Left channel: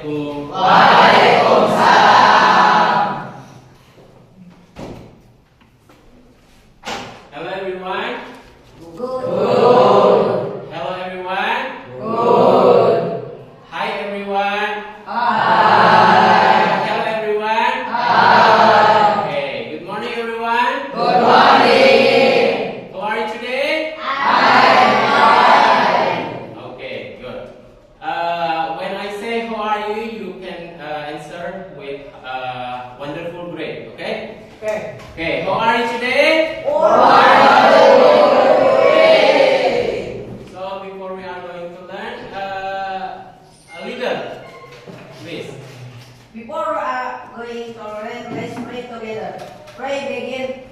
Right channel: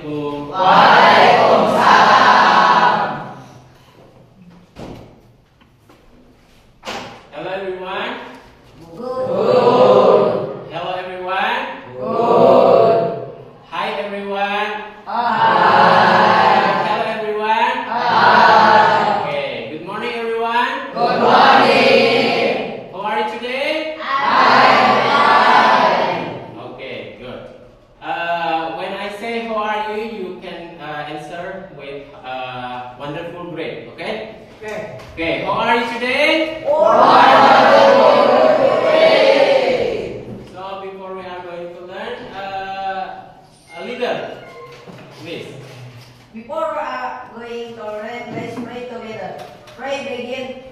Assalamualaikum. Waalaikumsalam. Hello everyone. Good. Hello everyone. Good. Hi everyone. Hi. Hello everyone. Hi. Okay. Good morning everyone. Good morning. How are you today? I'm fine. Okay, good. When I say how are you, you can answer with wonderful great. Okay? Okay. Okay. How are you today? Wonderful. So before we are going to learn, a leader, please. Before going to learn, let's pray together. Pray begin.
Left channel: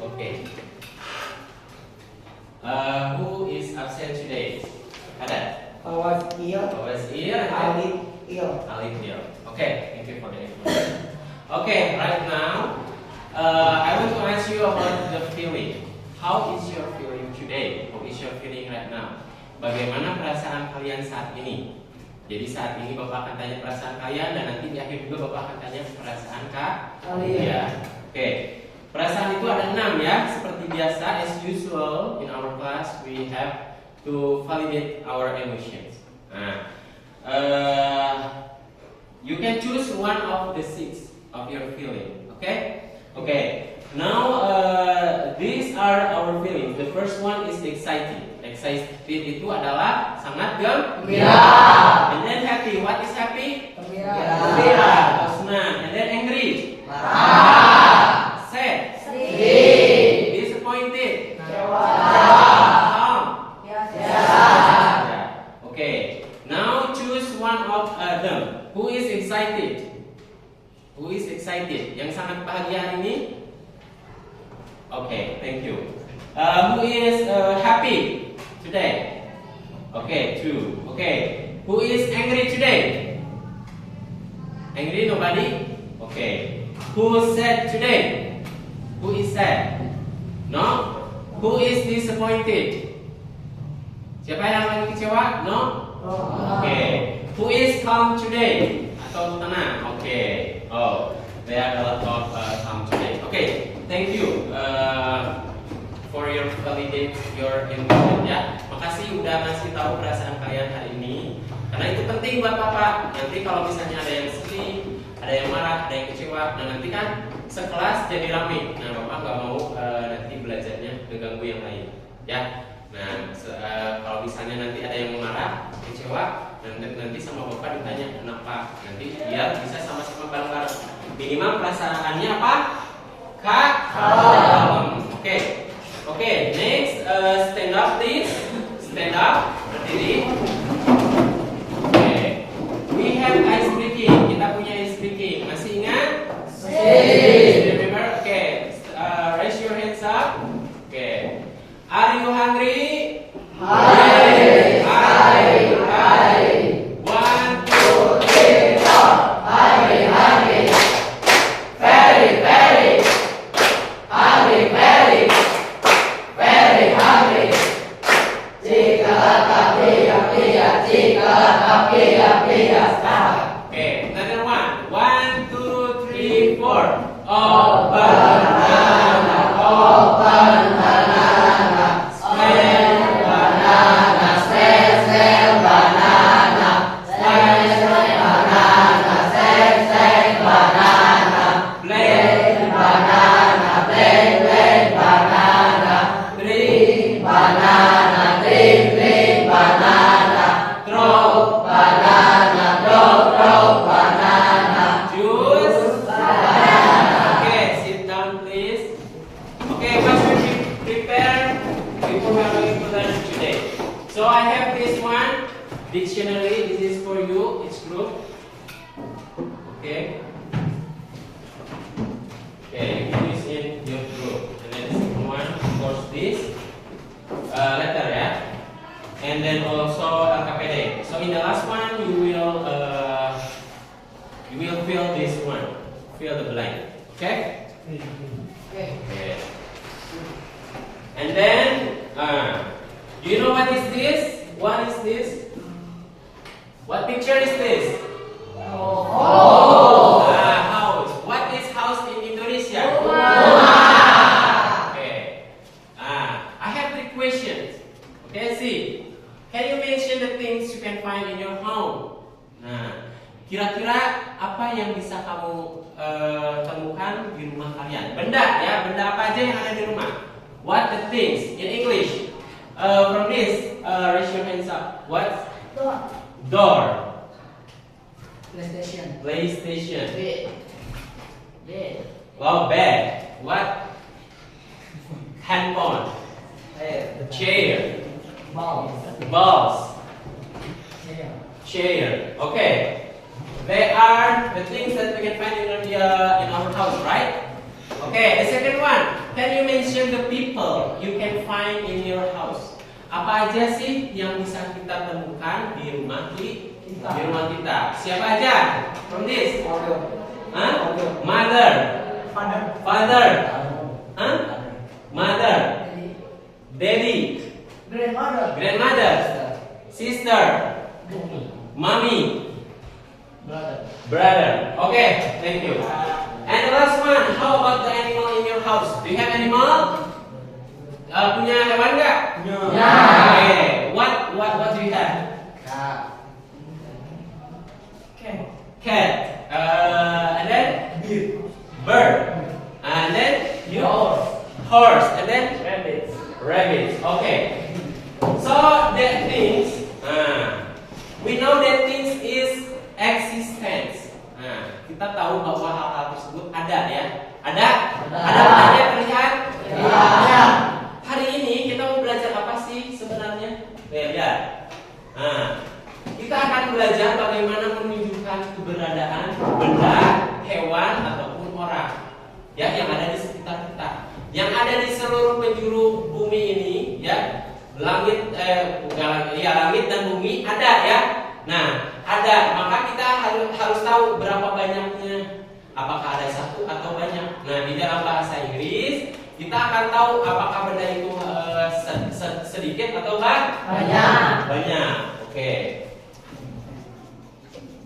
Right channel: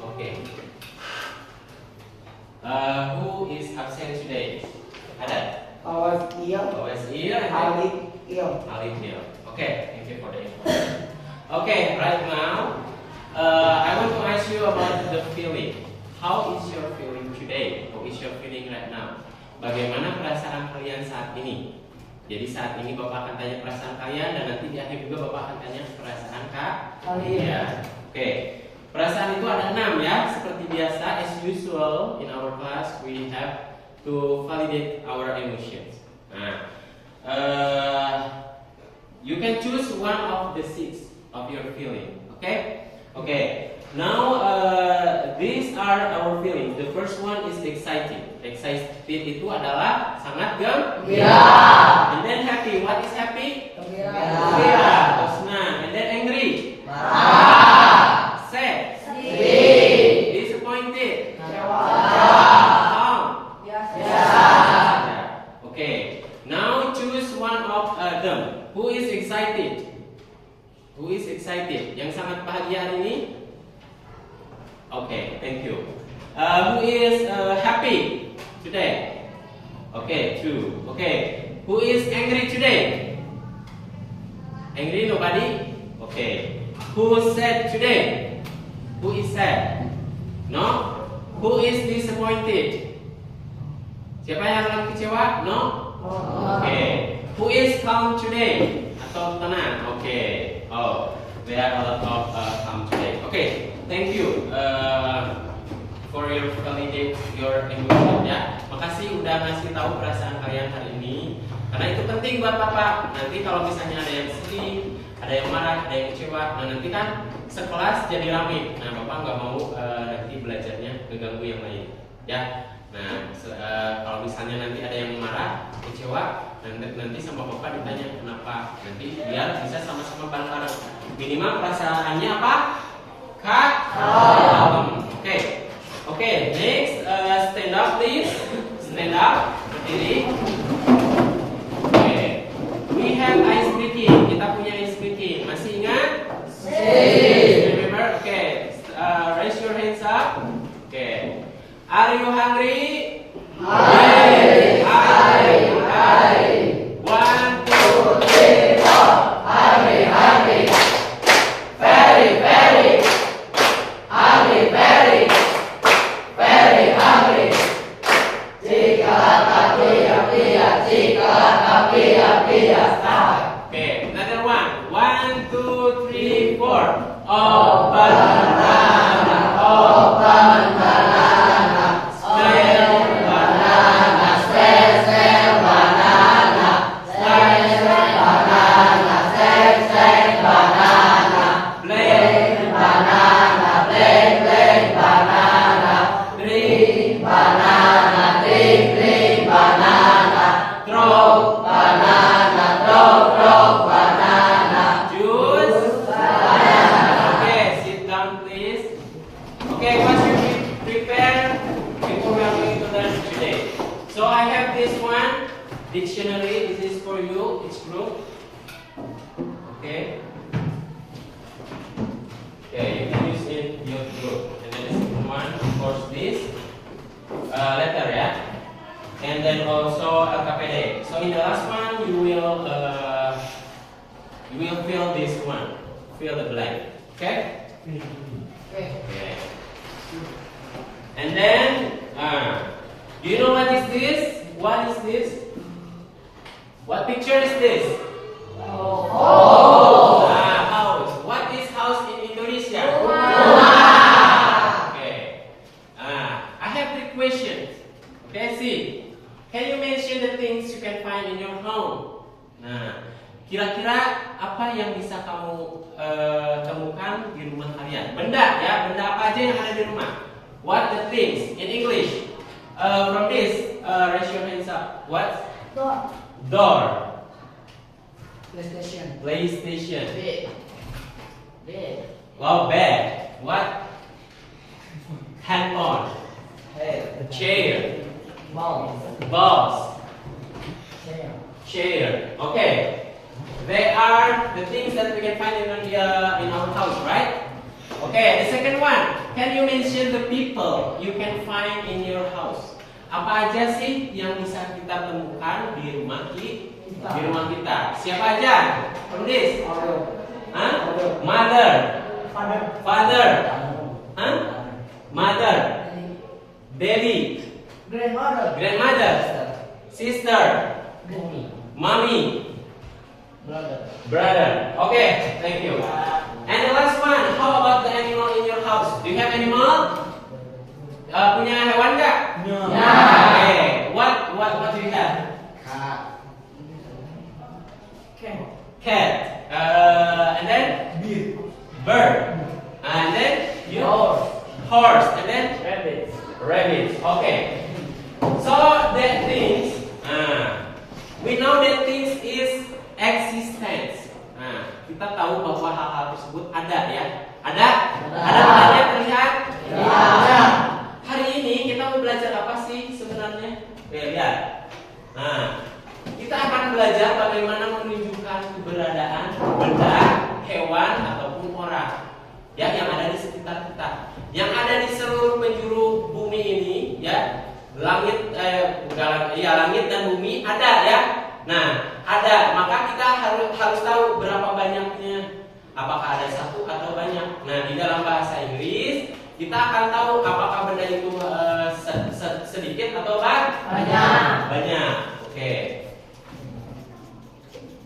Okay. Who is absent today? Ada? Awas dia. Always here. Alif dia. Alif here. Okay. Thank you for the information. Okay. Right now, I want to ask you about the feeling. How is your feeling today? How is your feeling right now? Bagaimana perasaan kalian saat ini? Jadi saat ini Bapak akan tanya perasaan kalian dan nanti di akhir juga Bapak akan tanya perasaan kalian. Oke. Perasaan itu ada 6 ya. Seperti biasa, as usual in our class we have to validate our emotions. Nah, you can choose one of the 6 of your feeling. Okay? Okay. Now these are our feelings. The first one is excited. Excited itu adalah sangat gembira. And then happy. What is happy? Gembira. Terus senang. And then angry. Marah. Sad. Sedih. Disappointed. Calm. Yeah. Okay. Now choose one of them. Who is excited? Who is excited? Yang sangat bahagia hari ini? Okay, thank you. Who is happy today? Okay, 2. Okay. Who is angry today? Angry, nobody? Okay. Who is sad today? Who is sad? No? Who is disappointed? Siapa yang lagi kecewa? No? Okay. Who is calm today? Atau tenang? Okay. Oh, there are a lot of calm today. Okay. Thank you for your validate your emotion ya. Makasih udah ngasih tahu perasaan kalian hari ini. Karena itu penting buat Bapak. Nanti kalau misalnya ada yang sedih, ada yang marah, ada yang kecewa, nah nanti kan sekelas jadi rame. Nah Bapak nggak mau nanti belajarnya keganggu yang lain, ya. Nah kalau misalnya nanti ada yang marah, kecewa, Nanti sama bapak ditanya kenapa. Nanti biar bisa sama-sama bareng-bareng. Minimal perasaannya apa? Kalem. Oke. Next, stand up please. Stand up. Berdiri. Oke. We have ice breaking. Kita punya ice breaking. Masih ingat? Remember? Oke. Raise your hands up. Oke. Are you hungry? Okay, another one. 1, 2, 3, 4. Open banana, open banana. Sell banana, sell banana. Sell banana, sell banana. Blend banana, blend banana. Drink banana, drink banana. Throw banana, throw banana. Juice banana. Okay, sit down please. Okay, first we prepare before we are going to learn today. So I have this one dictionary. This is for you, each group. Okay. Okay, you can use in your group. And then the second one, of course, this letter, yeah. And then also LKPD. So in the last one, you will fill this one, fill the blank. Okay. Okay. And then, do you know what is this? What is this? What picture is this? House. What is house in Indonesia? Okay. I have 3 questions. Okay, see. Can you mention the things you can find in your home? Nah, kira-kira apa yang bisa kamu temukan di rumah kalian? Benda ya, benda apa aja yang ada di rumah? What the things in English? From this, raise your hands up. What? Door. PlayStation. Bed. Wow, bed. What? Handphone. Chair. Balls. Chair. Okay. They are the things that we can find in our house, right? Okay. The second one. Can you mention the people you can find in your house? Apa aja sih yang bisa kita temukan di rumah kita? Siapa aja? From this? Huh? Mother. Father. Huh? Mother. Daddy. Grandmother. Sister. Mommy. Brother. Okay, thank you. And the last one, how about the animal in your house? Do you have animal? Punya hewan nggak? Okay. What do you have? Cat. And then bird. And then horse. And then rabbit. Okay. So that things, we know that things is existence. Nah, kita tahu bahwa hal-hal tersebut ada ya. Ada yang terlihat? Ada. Hari ini kita mau belajar apa sih sebenarnya? Lihat. Nah, kita akan belajar bagaimana menunjukkan keberadaan benda, hewan ataupun orang ya yang ada di sekitar kita, yang ada di seluruh penjuru bumi ini ya. Langit dan bumi ada ya. Nah, ada, maka kita harus tahu berapa banyaknya. Apakah ada satu atau banyak? Nah, di dalam bahasa Inggris kita akan tahu apakah benda itu sedikit atau banyak. Oke.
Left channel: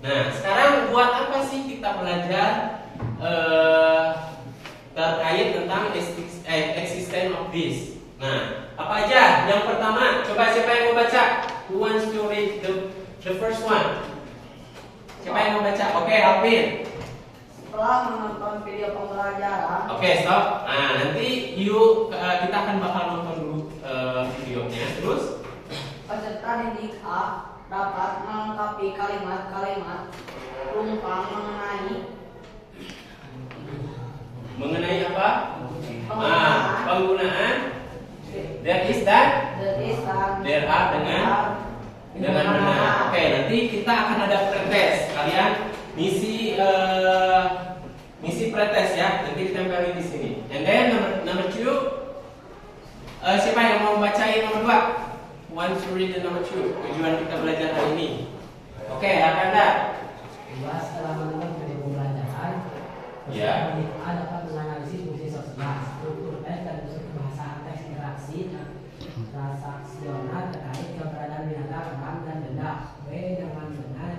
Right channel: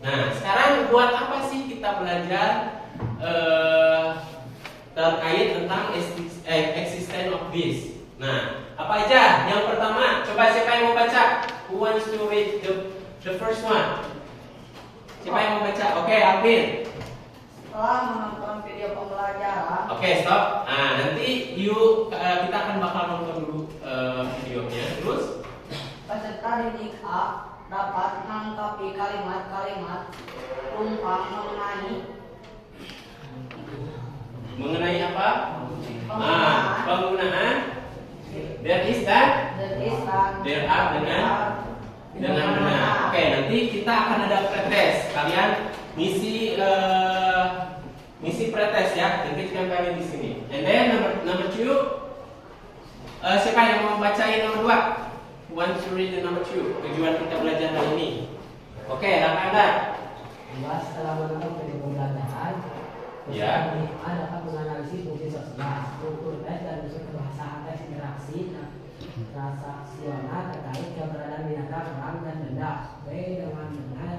Nah, sekarang buat apa sih kita belajar terkait tentang existence of this? Nah, apa aja? Yang pertama, coba siapa yang mau baca? Who wants to read the first one? Siapa yang mau baca? Oke, Alvin. Setelah menonton video pembelajaran. Oke, stop. Nah, nanti kita akan bakal nonton dulu videonya. Terus Peserta didik A dapat melengkapi kalimat-kalimat rumpang mengenai apa? Penggunaan. Penggunaan there is dan there are dengan benar. Oke, nanti kita akan ada pretest. Kalian misi pretest ya. Nanti kita kali di sini. And then number 2. Siapa yang mau bacain nomor 2? Who wants to read the number 2? Tujuan kita belajar hari ini. Oke, ada. Setelah menonton video pembelajaran, Ya. peserta dapat menganalisis fungsi sosial, struktur tes dan unsur kebahasaan teks interaksi transaksional terkait keberadaan binatang, orang dan benda. B dengan benar.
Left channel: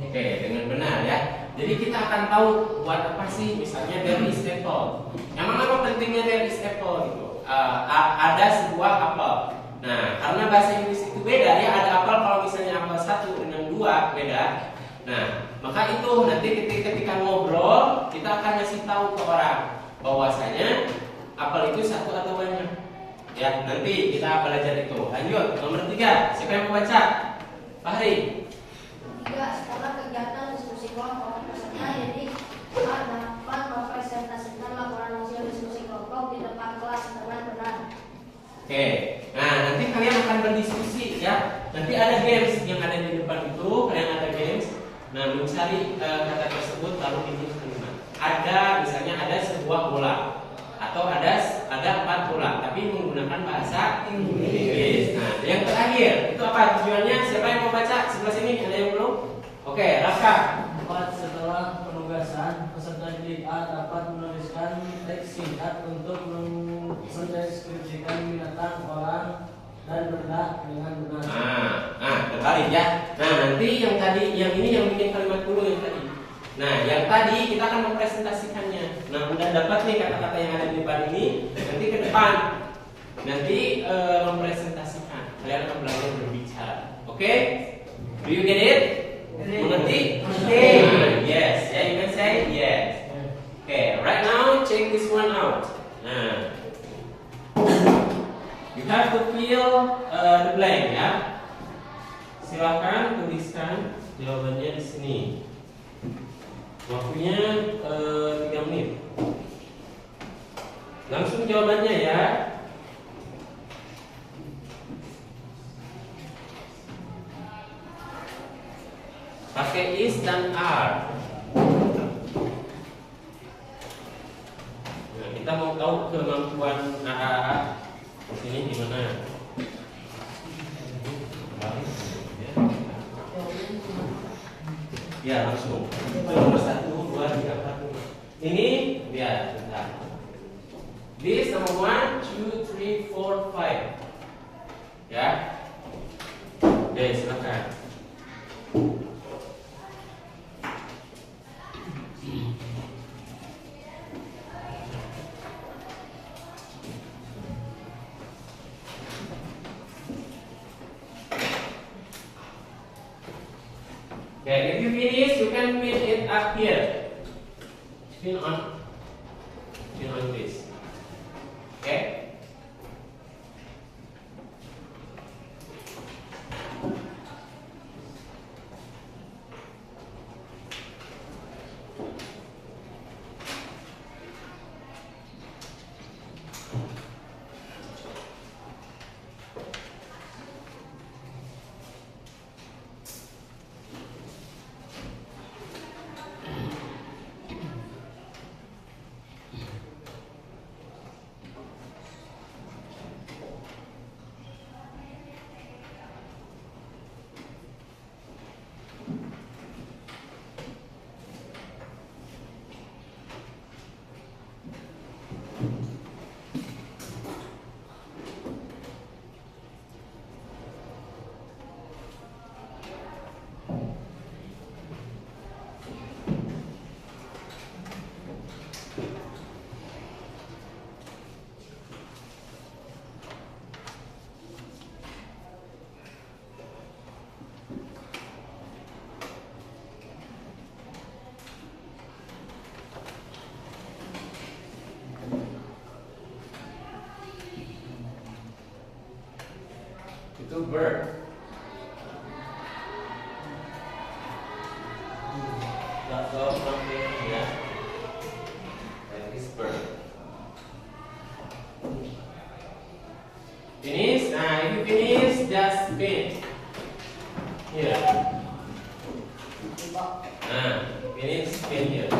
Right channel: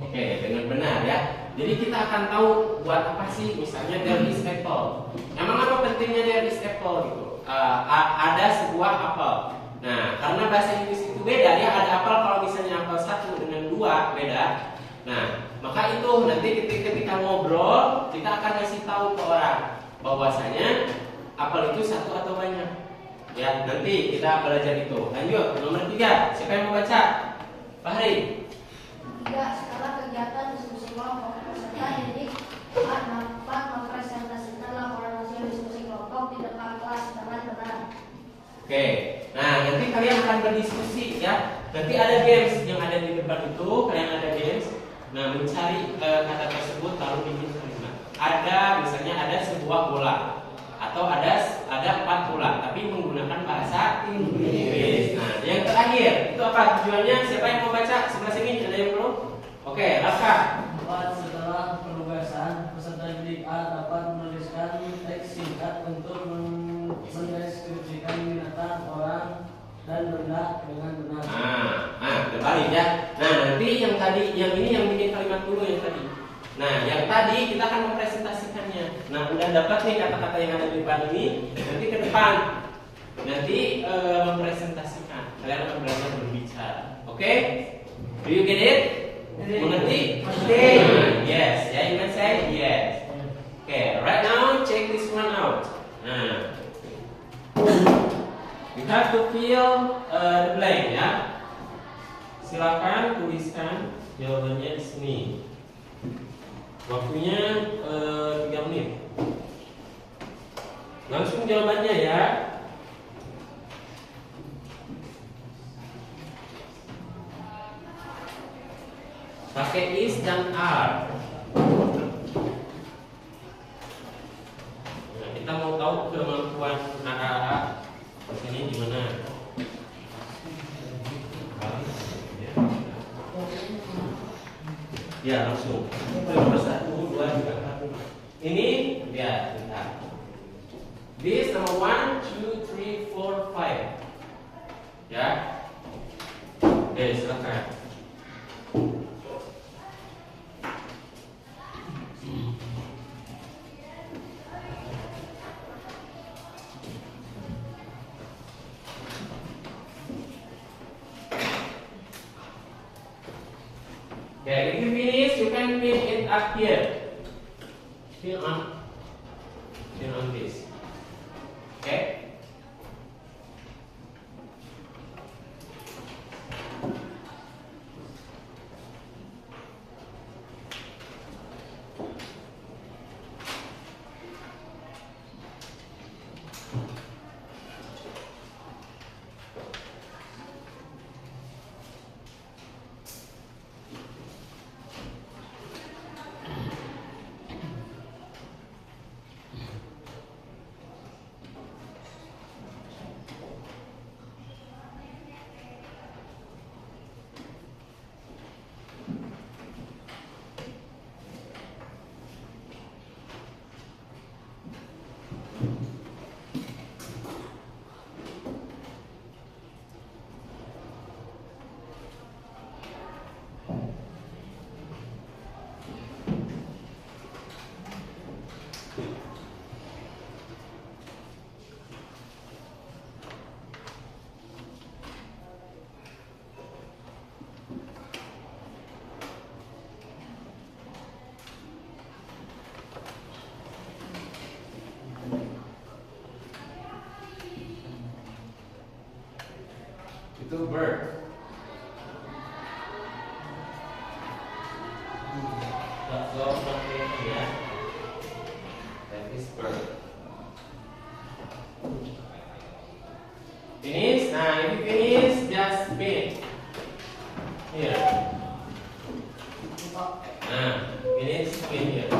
Oke, dengan benar ya. Jadi kita akan tahu buat apa sih, misalnya there is apple. Emang apa pentingnya there is apple gitu? Ada sebuah apel. Nah, karena bahasa Inggris itu beda ya, ada apel kalau misalnya apel 1 dengan 2 beda. Nah, maka itu nanti ketika ngobrol kita akan ngasih tahu ke orang bahwasanya apel itu 1 atau banyak. Ya, nanti kita belajar itu. Lanjut, nomor 3. Siapa yang mau baca? Fahri. 3. Setelah kegiatan diskusi kelompok, peserta didik dapat mempresentasikan laporan hasil diskusi kelompok di depan kelas dengan benar. Oke, nah nanti kalian akan berdiskusi ya. Nanti ada games yang ada di depan itu, kalian ada games. Nah, mencari kata tersebut lalu ini ada misalnya ada sebuah bola atau ada 4 bola, tapi menggunakan bahasa Inggris. Nah, yang terakhir itu apa tujuannya? Siapa yang mau baca? Sebelah sini ada yang belum? Oke, Raka. 4. Setelah penugasan, peserta didik A dapat menuliskan teks singkat untuk mendeskripsikan binatang, orang, dan benda dengan benar. Terbalik ya. Nah, nanti yang ini yang bikin kalimat dulu yang tadi. Nah, yang tadi kita akan mempresentasikannya. Nah, udah dapat nih kata-kata yang ada di depan ini. Nanti ke depan, mempresentasikan. Kalian akan belajar berbicara. Oke? Do you get it? Mengerti? Yes. Yeah, you can say yes. Okay, right now check this one out. Nah, you have to fill the blank ya. Silakan tuliskan jawabannya di sini. Waktunya 3 menit. Langsung jawabannya ya. Pakai is dan are. Nah, kita mau tahu kemampuan AA di sini gimana? Ya langsung. Nomor 1, 2, 3, 4, 5. Ini lihat bentar. This number 1, 2, 3, 4, 5. Ya. Oke, silakan. Okay, if you finish, you can fill it up here. Fill on this. Okay. Itu bird. Agak jauh nanti ya. That is bird. Finish. Nah, if you finish, just spin. Here. Nah, finish, spin here.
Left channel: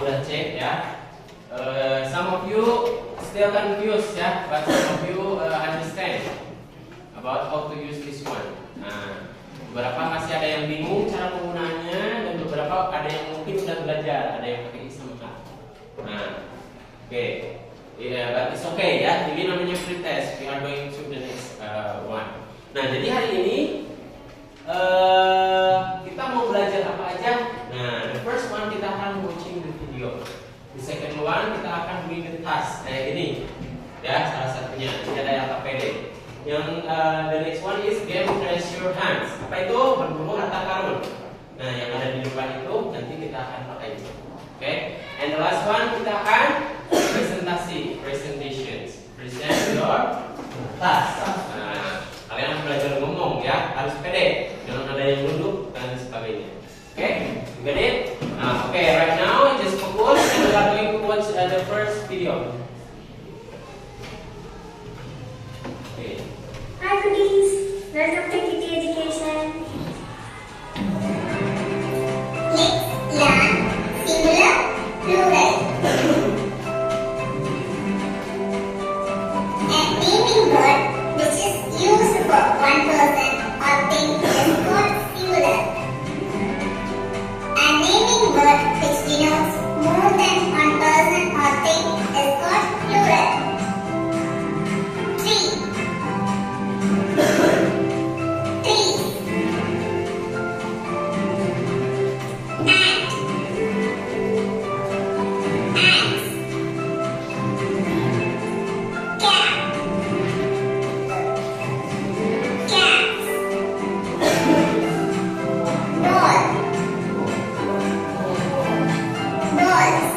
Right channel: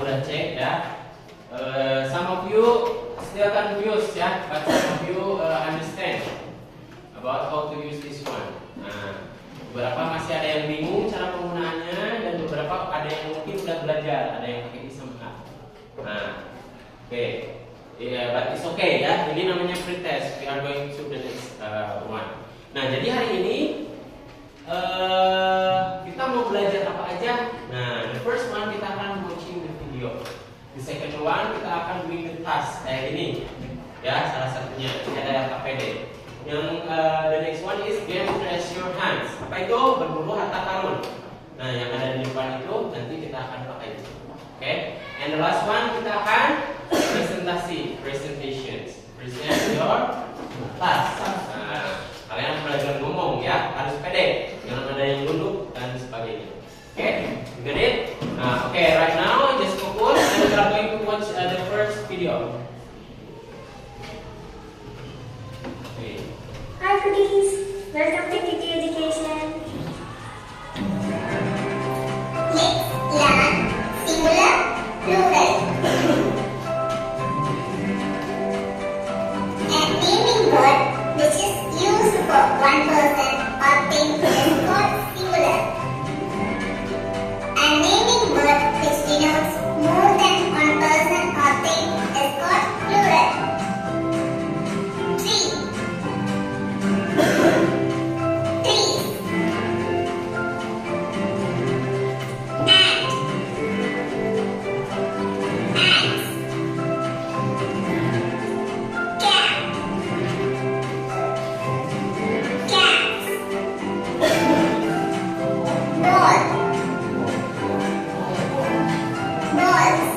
Udah cek ya. Some of you still confused ya, but some of you understand about how to use this one. Nah, beberapa masih ada yang bingung cara penggunaannya dan beberapa ada yang mungkin sudah belajar, ada yang pakai isem kan. Nah, oke, but it's okay ya. Ini namanya pretest. We are going to the next one. Nah, jadi hari ini kita mau belajar apa aja? Nah, the first one kita akan watching the video. The second one kita akan doing the task kayak gini. Ya, salah satunya. Ini ada yang KPD. Yang the next one is game raise your hands. Apa itu? Berburu harta karun. Nah, yang ada di depan itu nanti kita akan pakai itu. Oke. And the last one kita akan presentasi, presentations. Present your task. Nah, kalian harus belajar ngomong ya, harus pede, jangan ada yang nunduk dan sebagainya. Oke, you got it? Okay, right now just focus and we are going to watch the first video. Okay. Hi foodies, welcome to Kitty Education. Let's learn singular plural. A naming word which is used for one person or thing is called singular. A naming word which denotes more than one person or thing is called plural. Tree. Trees. Ant. Ants. Cat. Cats. Doll. Balls.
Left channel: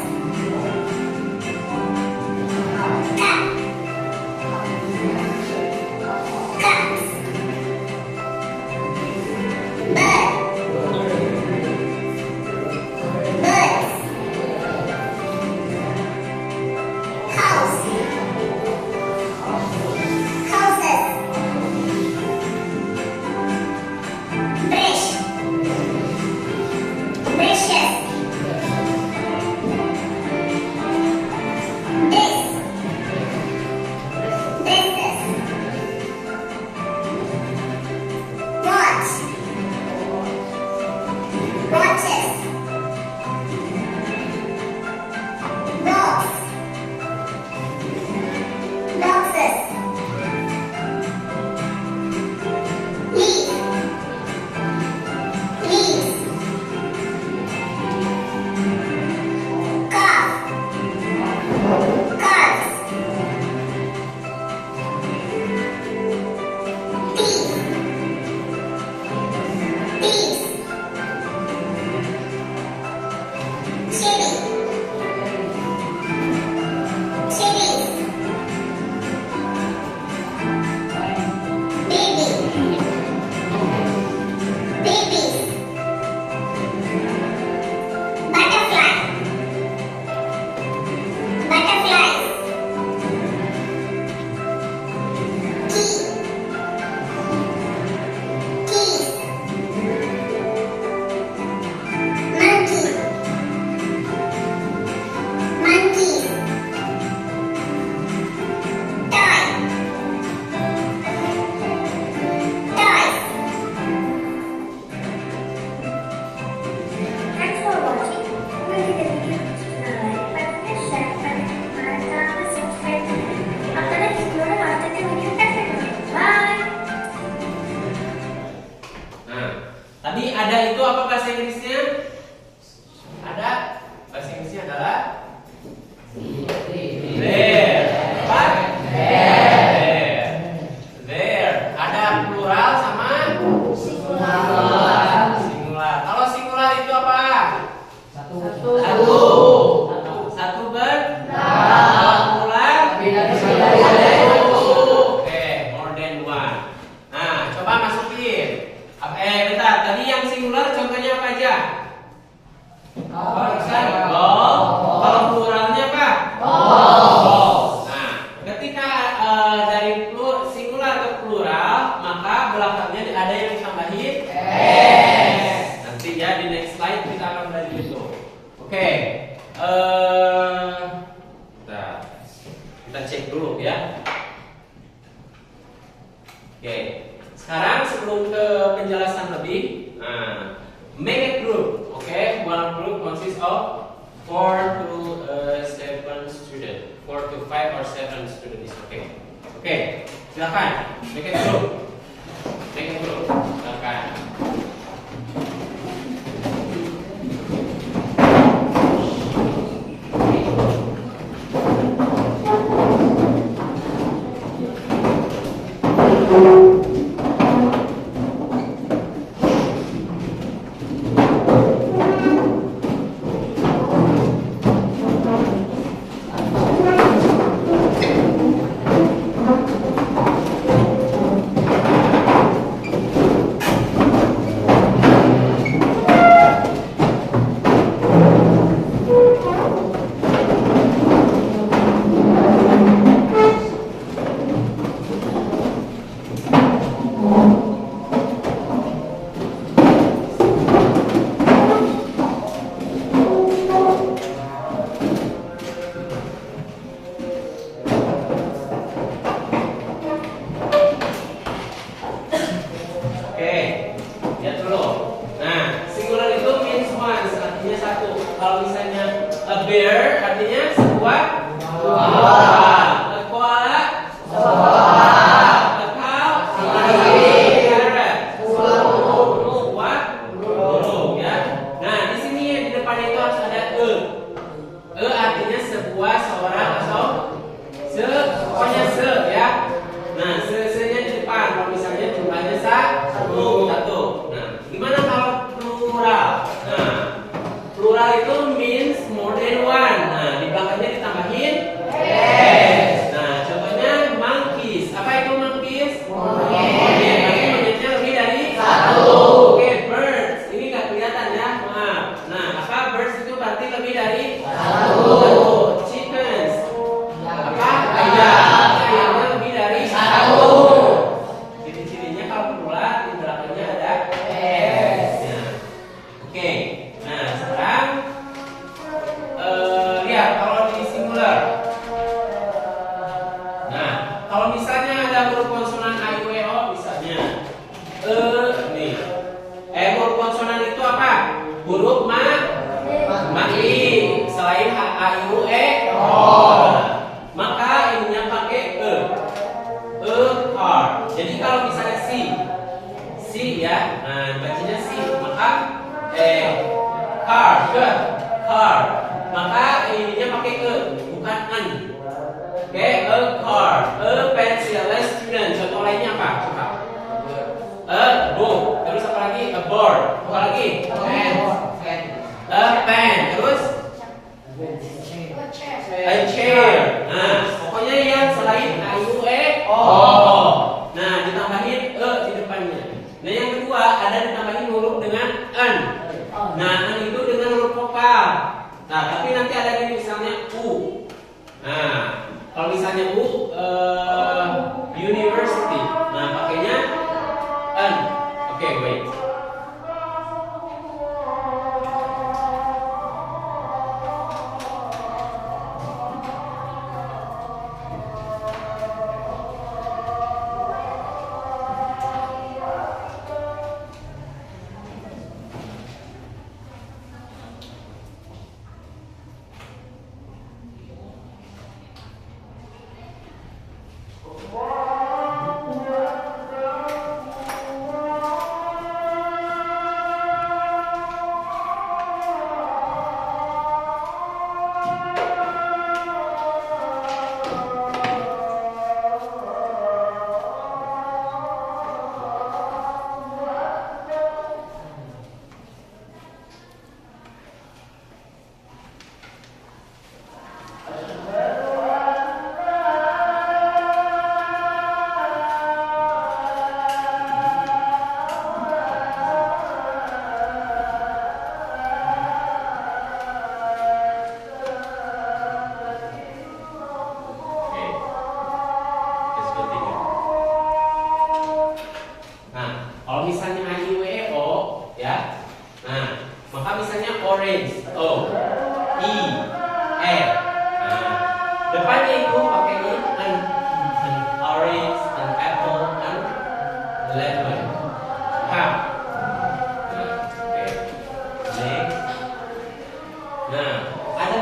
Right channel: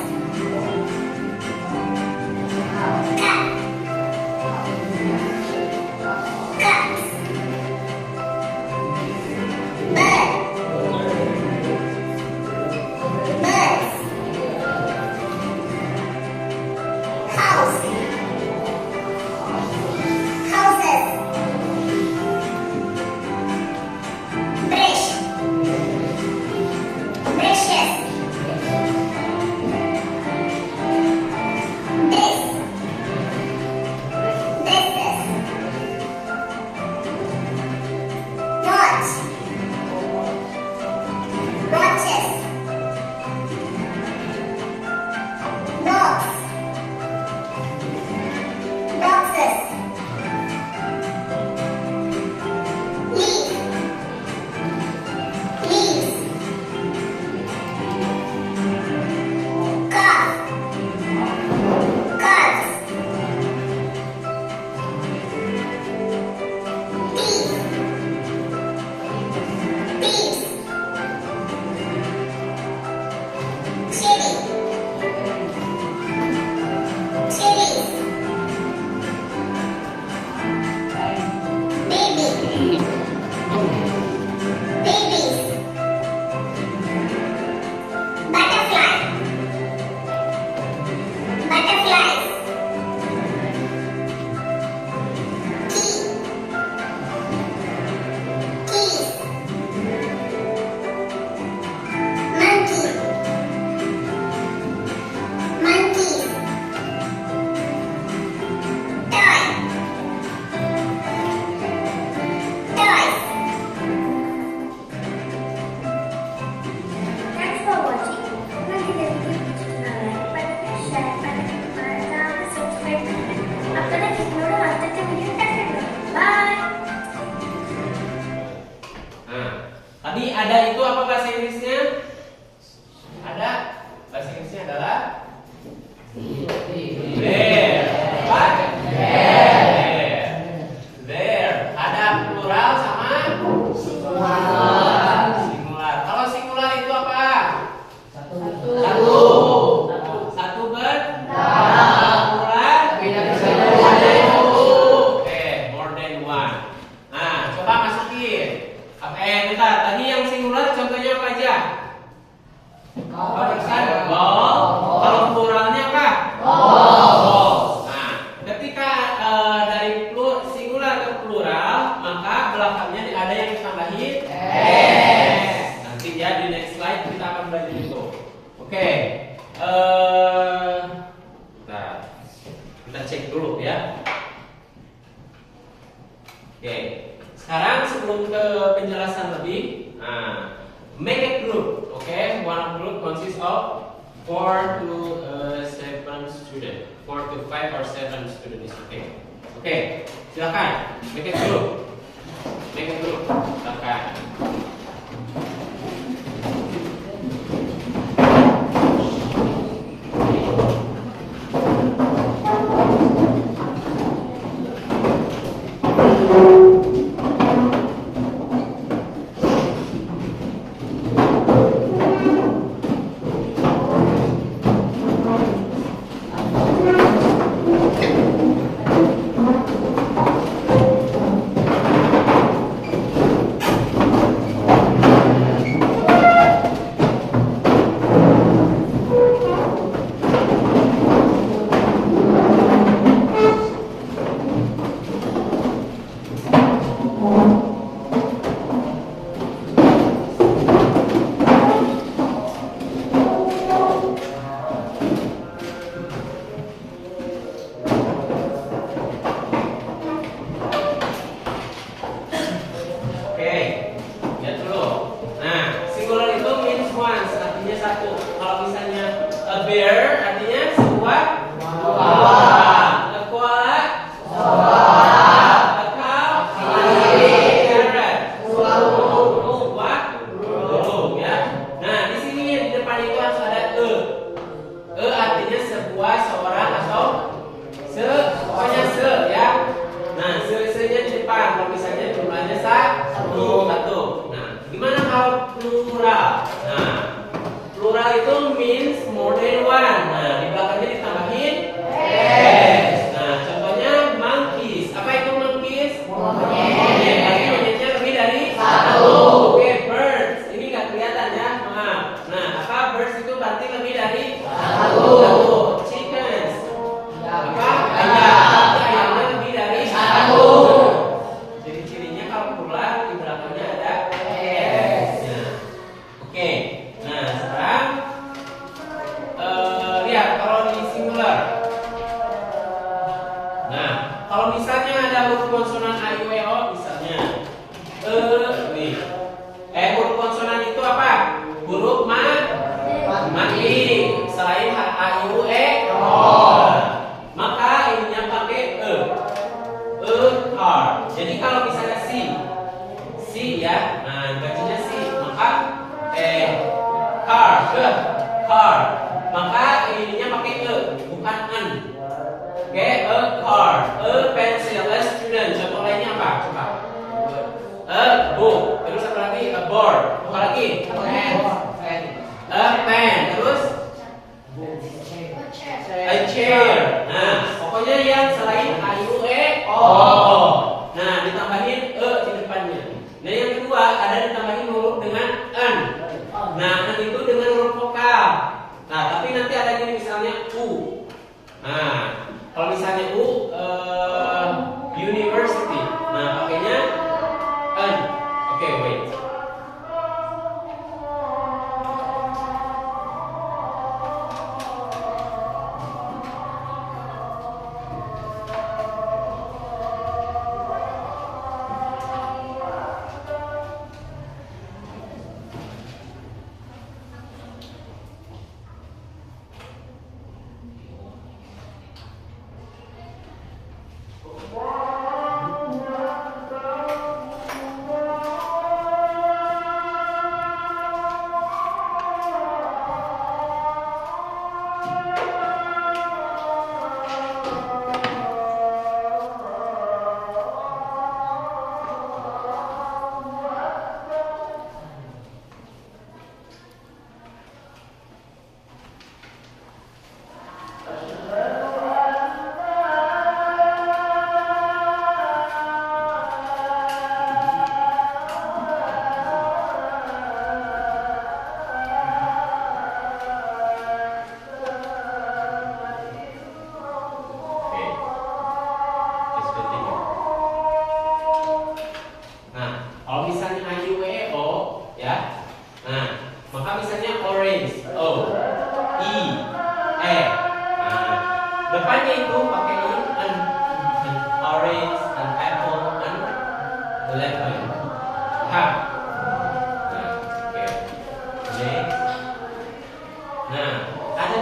Cup. Cups. Bird. Birds. Kalau pluralnya apa? Those. Nah, ketika dari singular ke plural, maka belakangnya ada yang ditambahin s. Nanti ya di next slide kita akan belajar itu. Oke. Kita cek dulu ya. Oke. Sekarang sebelum ke penjelasan lebih, make a group. Okay, one group consists of 4 to 7 students. 4 to 5 or 7 students. Okay. Okay, silakan make a group. Make a group. Silakan.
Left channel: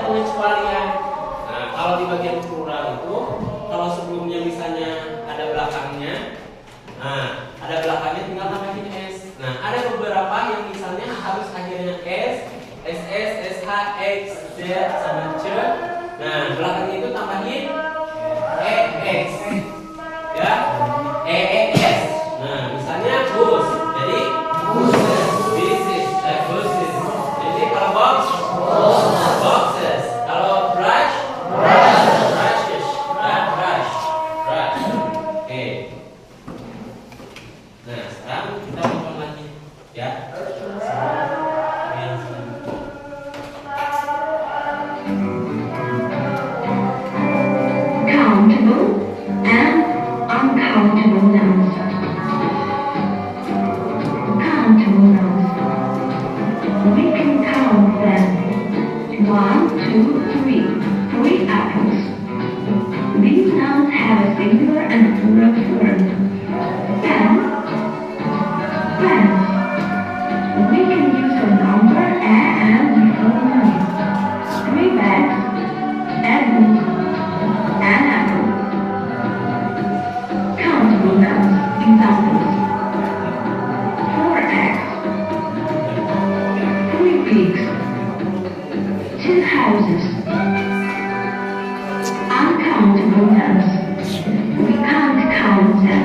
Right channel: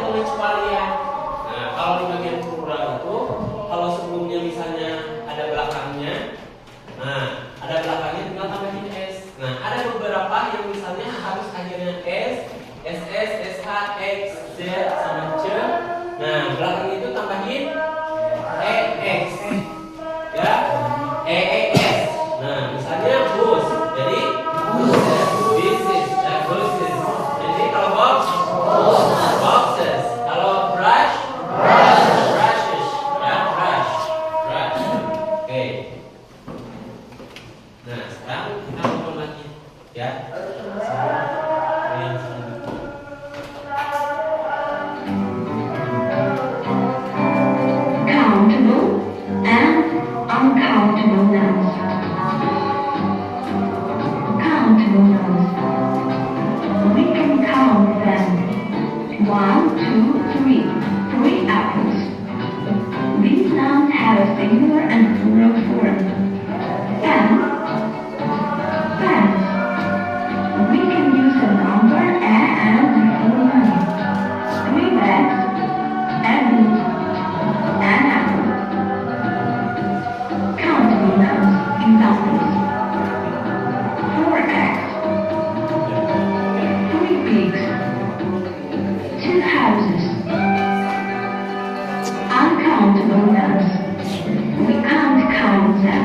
pengecualian. Nah, kalau di bagian plural itu, kalau sebelumnya misalnya ada belakangnya, nah ada belakangnya tinggal tambahin s. Nah, ada beberapa yang misalnya harus akhirnya s, ss, sh, x, z sama c. Nah, belakangnya itu tambahin ex, ya, ees. Nah, misalnya bus, jadi buses, buses, buses. Jadi kalau box, boxes. Kalau brush, brushes, ya, brush, brush. Oke. Nah, sekarang kita ulang lagi, ya. Yang selanjutnya. Countable and uncountable nouns. Countable nouns. We can count them. 1, 2, 3. 3 apples. These nouns have a singular and plural form. Pen. Pens. We can use the number and before noun. 3 bags. And an apple. Countable nouns. Examples. 4 eggs. 3 pigs. 2 houses. Uncountable nouns. We can't count them.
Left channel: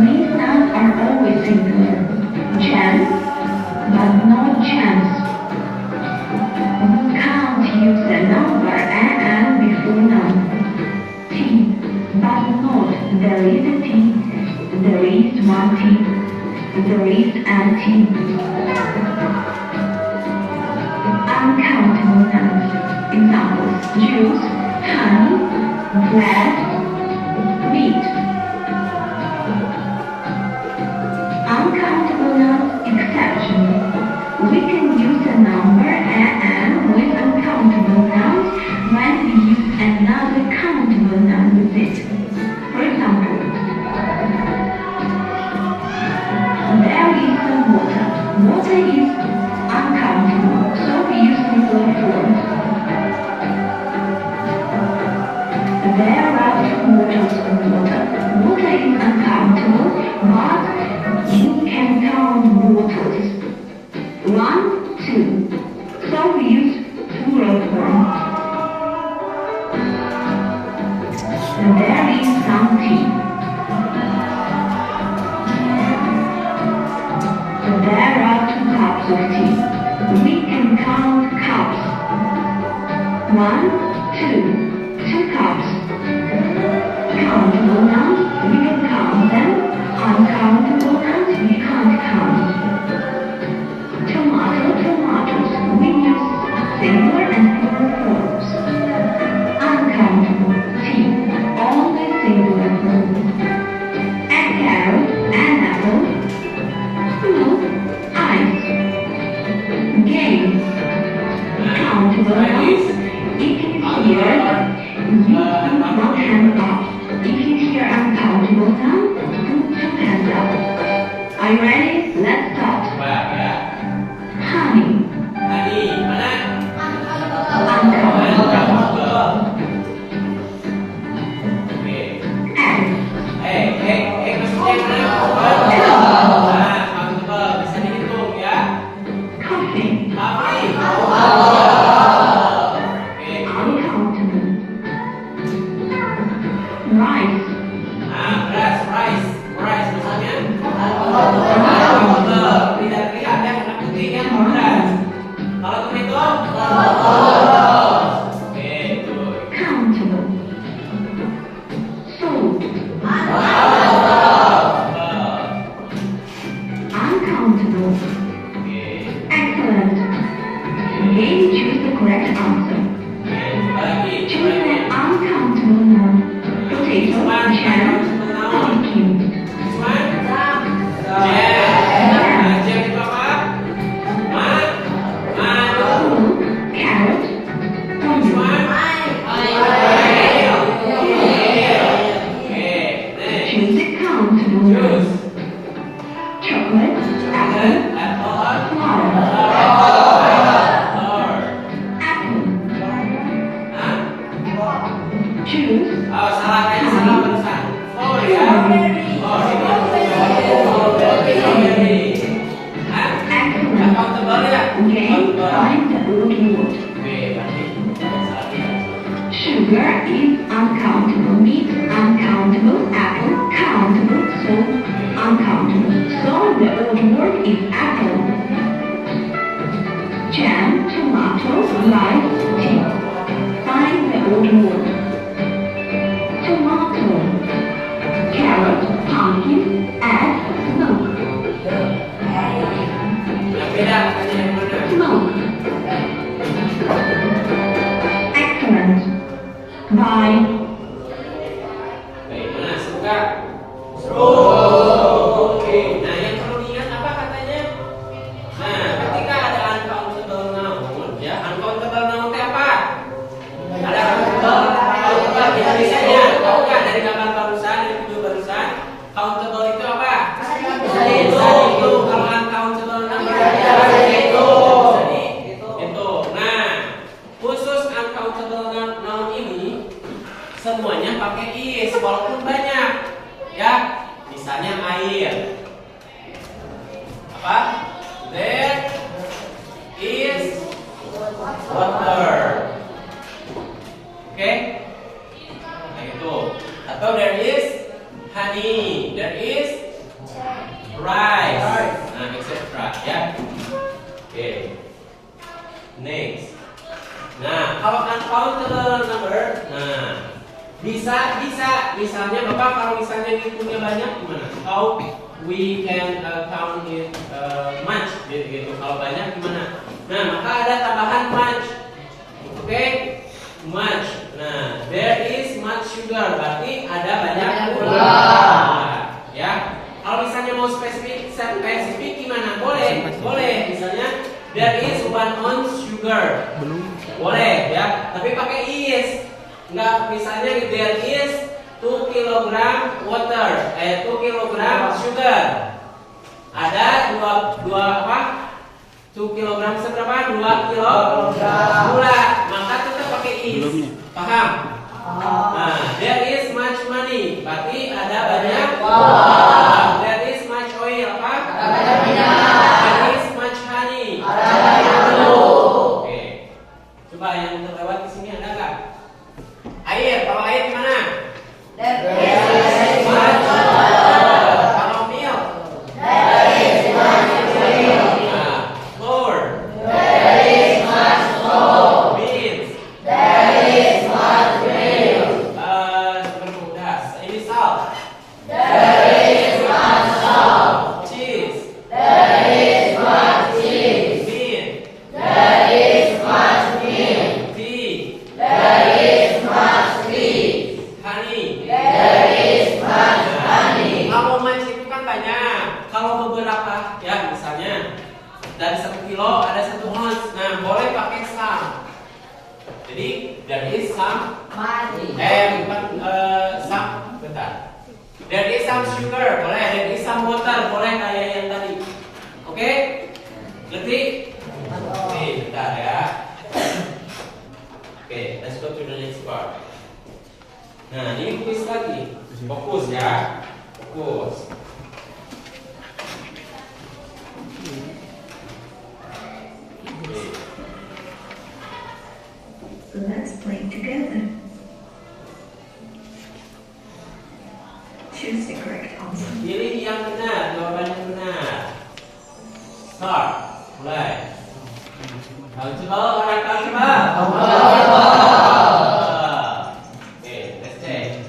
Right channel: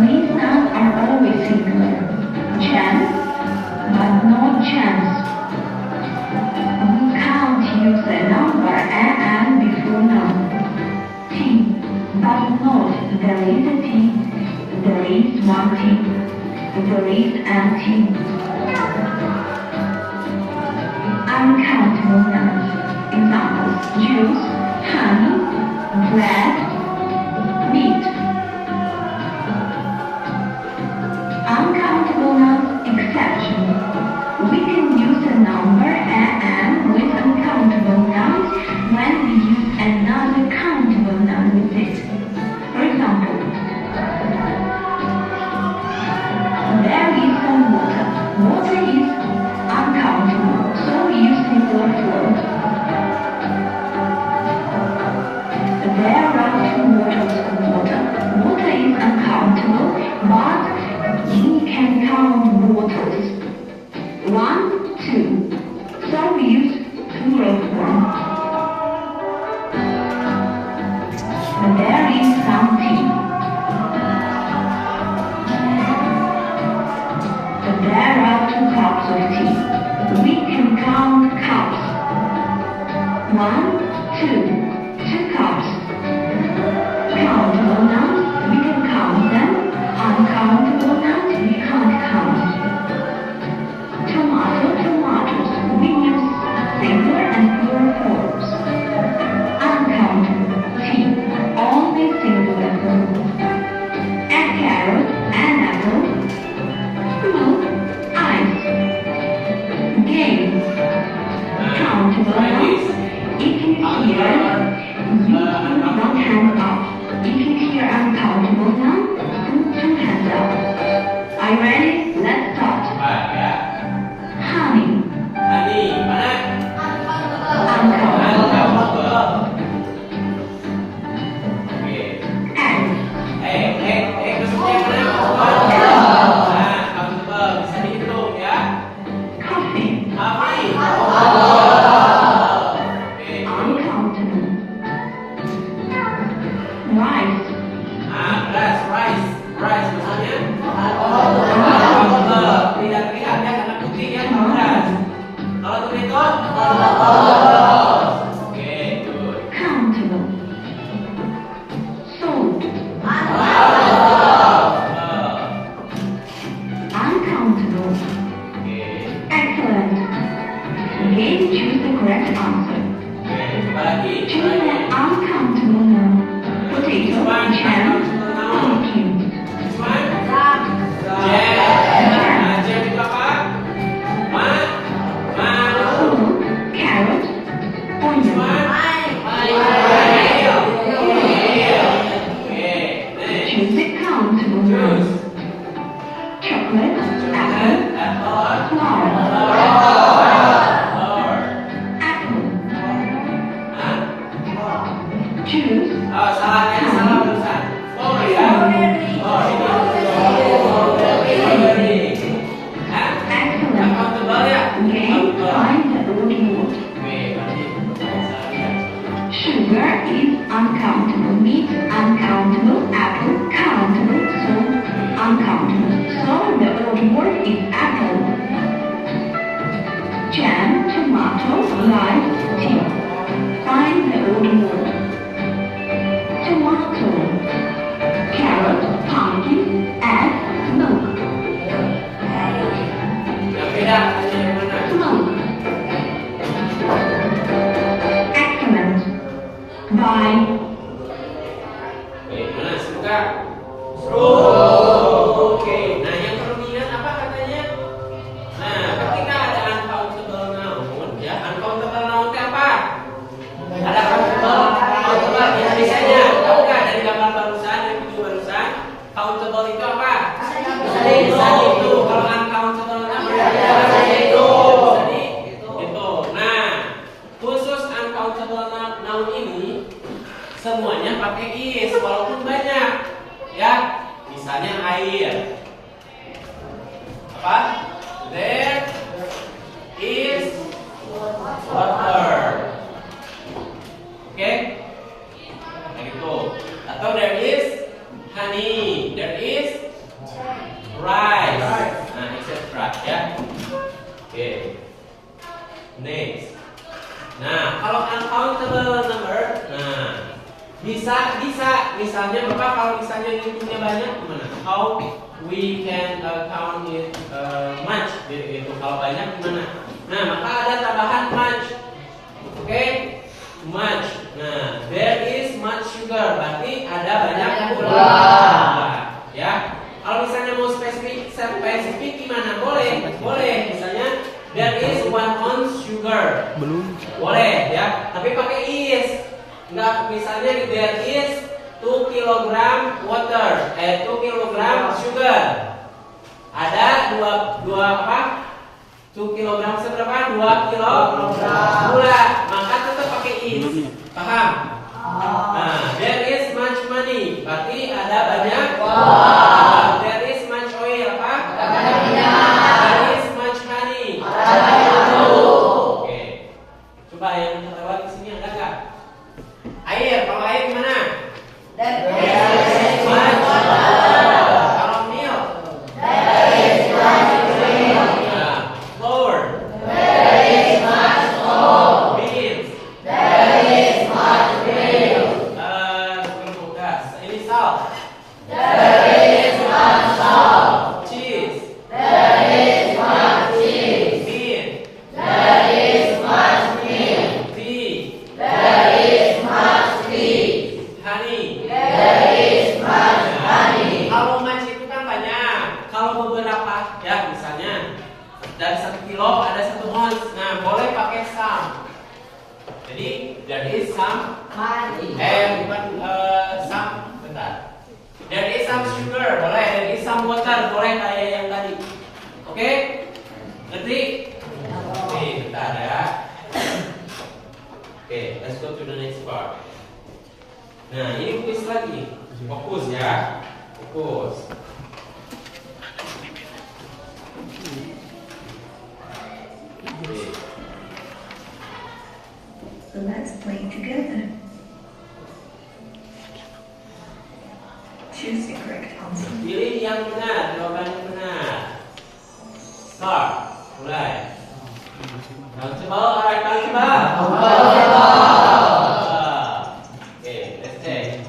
These nouns are always singular. Chance, but not chance. We can't use the number and before noun. Tea, but not there is a tea. There is one tea. There is an tea. Uncountable nouns. Examples: juice, honey, bread, meat. Uncountable nouns. Exception. We can use a number and with uncountable nouns when we use another countable noun with it. For example, there is some water. Water is uncountable, so we use singular form. There are 2 bottles of water. Water is uncountable, but we can count bottles. 1, 2. So we use plural form. There is some tea. There are 2 cups of tea. We can count cups. 1, 2. 2 cups. Countable nouns, we can count them. Uncountable nouns, we can't count. Tomato, tomatoes, we use singular and plural forms. Uncountable, tea, only singular form. A carrot, an apple, food, ice. Game, countable nouns. If you hear, you put 1 hand up. If you hear uncountable nouns, put 2 hands up. Are you ready? Let's start. Baik, ya. Honey, Tadi mana? uncountable. Oke. Egg, Maksudnya mana? Nah, kamu tebal bisa dihitung ya. coffee, Tapi. Oke. uncountable. Rice, Nah, rice misalnya. Tidak terlihat ya karena putih ya kalau beras. Kalau tomato. Oke, good. countable. Salt, uncountable. Oke. Excellent. Okay, choose the correct answer. Oke, coba lagi. Choose an uncountable noun. Potato, jam, pumpkin. Cuman jam itu apa? Apple, carrot, onion. Cuman Choose a countable noun. Chocolate, apple, apple, flower. Game, find the old word. Oke, berarti salah kita. Sugar is uncountable. Meat, uncountable. Apple, countable. So, uncountable. So, the old word is apple. Jam, tomato, lime, tea. Find the old word. Tomato. Carrot, pumpkin, egg, milk. Yang beda katanya yang mana? Milk. Excellent. Bye. Oke, mana? Suka? Oke, nah yang perlu diingat apa katanya? Nah, ketika ada uncountable noun, ya uncountable noun itu apa? Ada countable biasanya, tahu nggak dari gambar barusan, yang video barusan? Countable itu apa? Bisa dihitung. Kalau uncountable noun bisa dihitung. Nah, khusus uncountable noun ini semuanya pakai is walaupun banyak, ya. Misalnya air. Apa? There is water. Oke? Nah itu. Atau there is honey. There is rice. Nah, etc. Ya. Oke. Next. Nah, kalau uncountable number, nah bisa misalnya Bapak kalau misalnya ngitungnya banyak gimana? How we can count it much gitu. Kalau banyak gimana? Nah, maka ada tambahan much. Oke? Much. Nah, there is much sugar. Berarti ada banyak gula. Ya. Kalau misalnya mau spesifik gimana? Boleh. Misalnya there is 1 ounce sugar. Boleh ya, tapi pakai is. Enggak, misalnya there is 2 kilogram water, 2 kilogram sugar. Ada dua apa? 2 kilogram seberapa? 2 kilogram gula. Maka tetap pakai is. Paham? Nah, there is much money. Berarti ada banyak. There is much oil. Apa? There is much honey. Oke. Coba yang terlewat di sini ada nggak? Air. Kalau air gimana? Kalau milk? Flour. Beans. Ini salt. Cheese. Honey. Kalau much itu kan banyak. Kalau beberapa, ya misalnya dari 1 kilo ada 1 ounce. Nah, boleh pakai some. Jadi there is some. Bukan some. Bentar. There is some sugar. Boleh. There is some water. Boleh kayak yang tadi. Oke? Ngerti? Oke, bentar ya. Oke, let's go to the next part. Nah, ini kuis lagi. Fokus ya. Fokus. Oke. So let's play together. Choose the correct answer. Pilih yang benar, jawaban yang benar. Start. Mulai. Coba. Okay, let's take.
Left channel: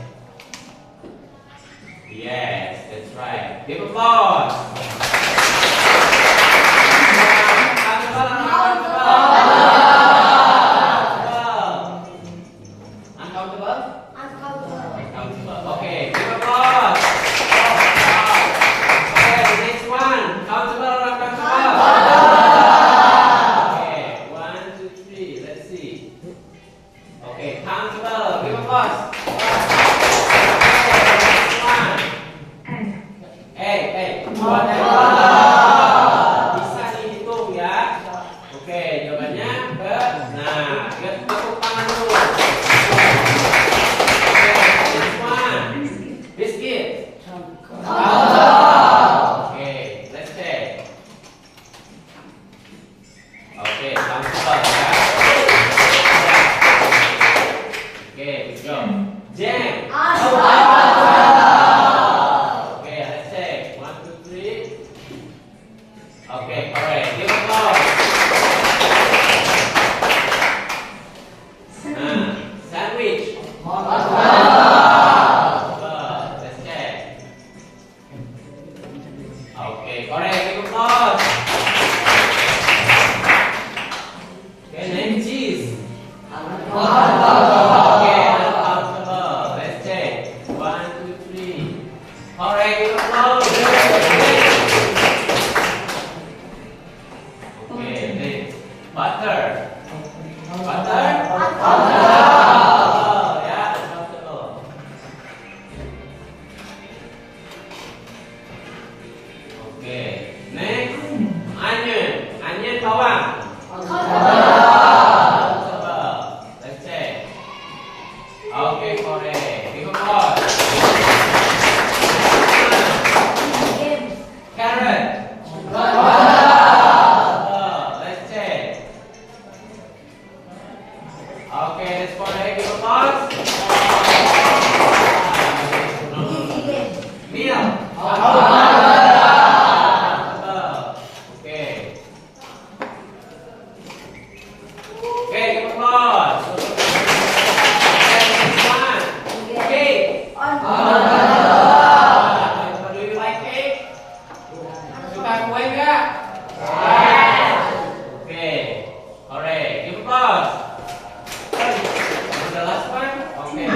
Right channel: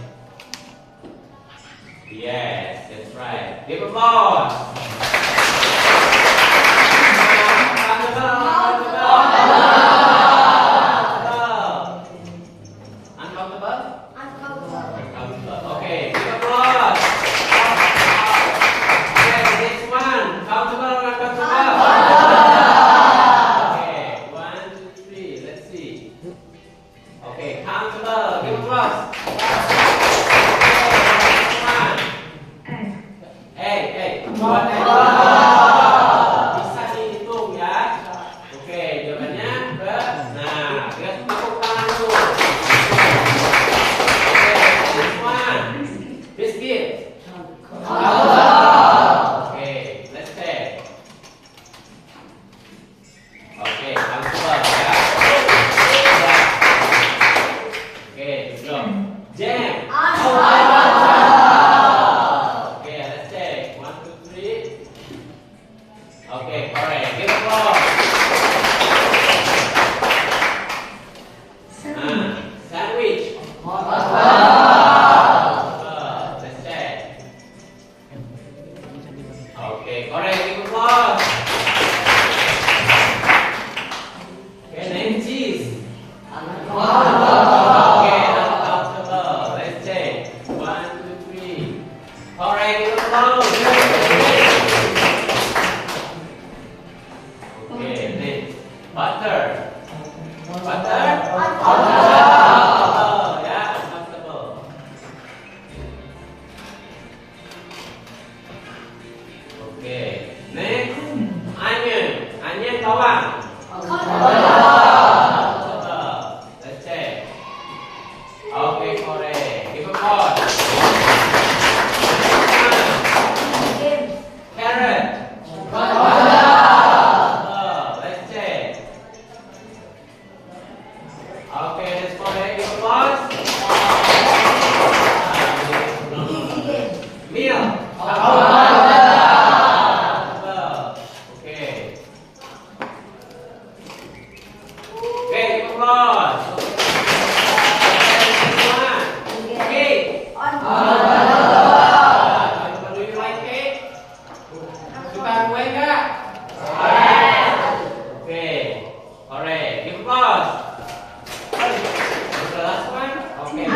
Yes, that's right. Give applause. Uncountable. Okay, give applause. Okay, next one. Countable or uncountable? Okay, 1, 2, 3. Let's see. Oke, comfortable ya. Oke, good job. Jam. Okay, let's check. 1, 2, 3. Okay, correct. Give applause. Sandwich. Let's check. Okay, correct. Give applause. Okay, name cheese. Okay, uncomfortable. Let's check. 1, 2, 3. Correct. Give applause. Okay, next. Butter. Butter. Yeah, uncomfortable. Okay, next. Onion. Onion bawang. Let's check. Okay, correct. Give applause. Carrot. Let's check. Okay, that's correct. Give applause. Meal. Okay. Okay, give applause. Next one. Cake. Do you like cake? Suka kue nggak? Okay. Alright. Give applause. The last one. Okay.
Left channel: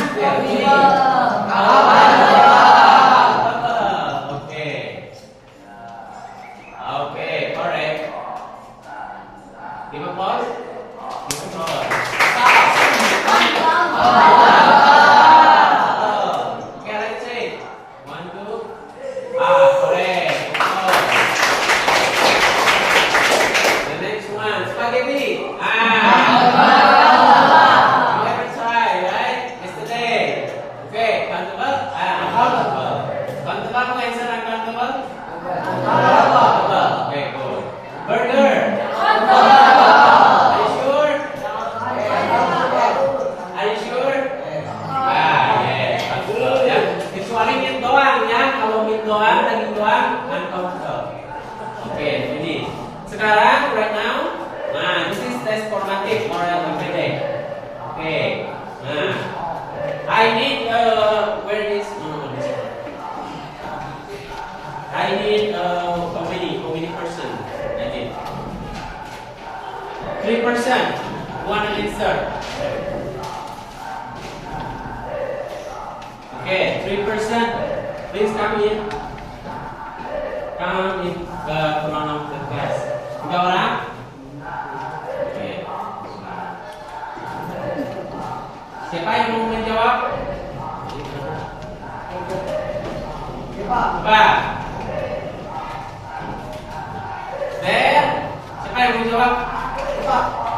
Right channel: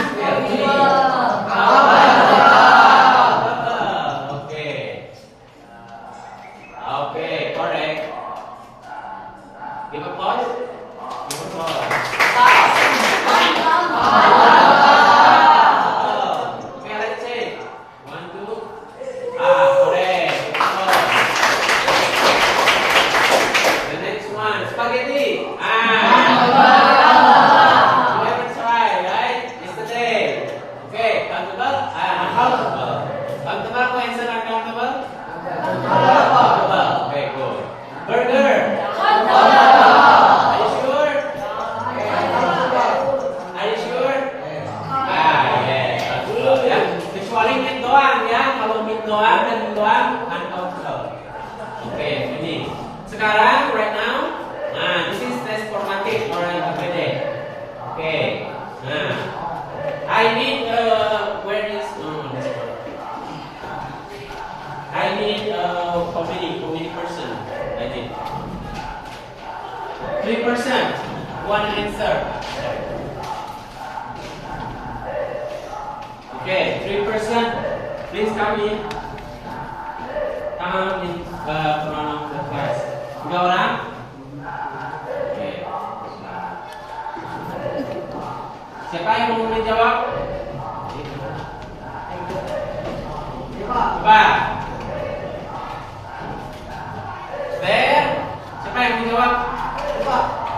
Okay. Okay. Correct. Give applause. Give applause. Okay, let's see. 1, 2. Correct. Give applause. The next one, spaghetti. You ever try, right? Yesterday. Okay, comfortable? Comfortable. Comfortable, kung answer uncomfortable? Comfortable. Okay, good. Burger. Are you sure? Are you sure? Yes. Comfortable, ya. Kecuali meat doang ya. Kalau meat doang, daging doang, uncomfortable. Okay, finish. Sekarang, right now, this is test formative oral everyday. Okay. I need where is this one? I need community person. I need 3%. One answer. Okay, 3%. Please come in. Come in front of the class. 3 orang. Oke. Siapa yang mau menjawab? Coba. There. Siapa yang mau menjawab?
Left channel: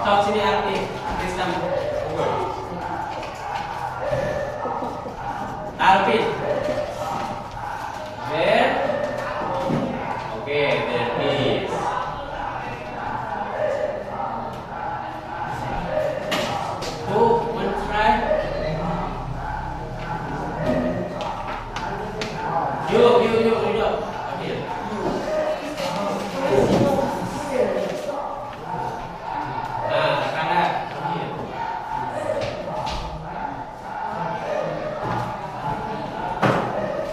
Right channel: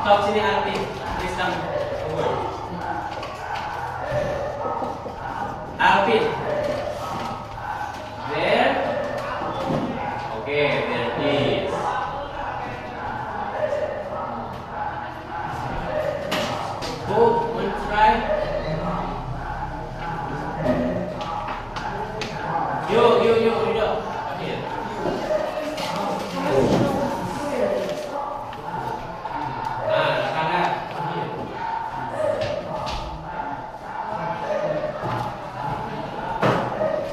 Sok sini Arti. Please come over. Alvin. There. Okay, there is. Who want to try? You. Okay. Kanan.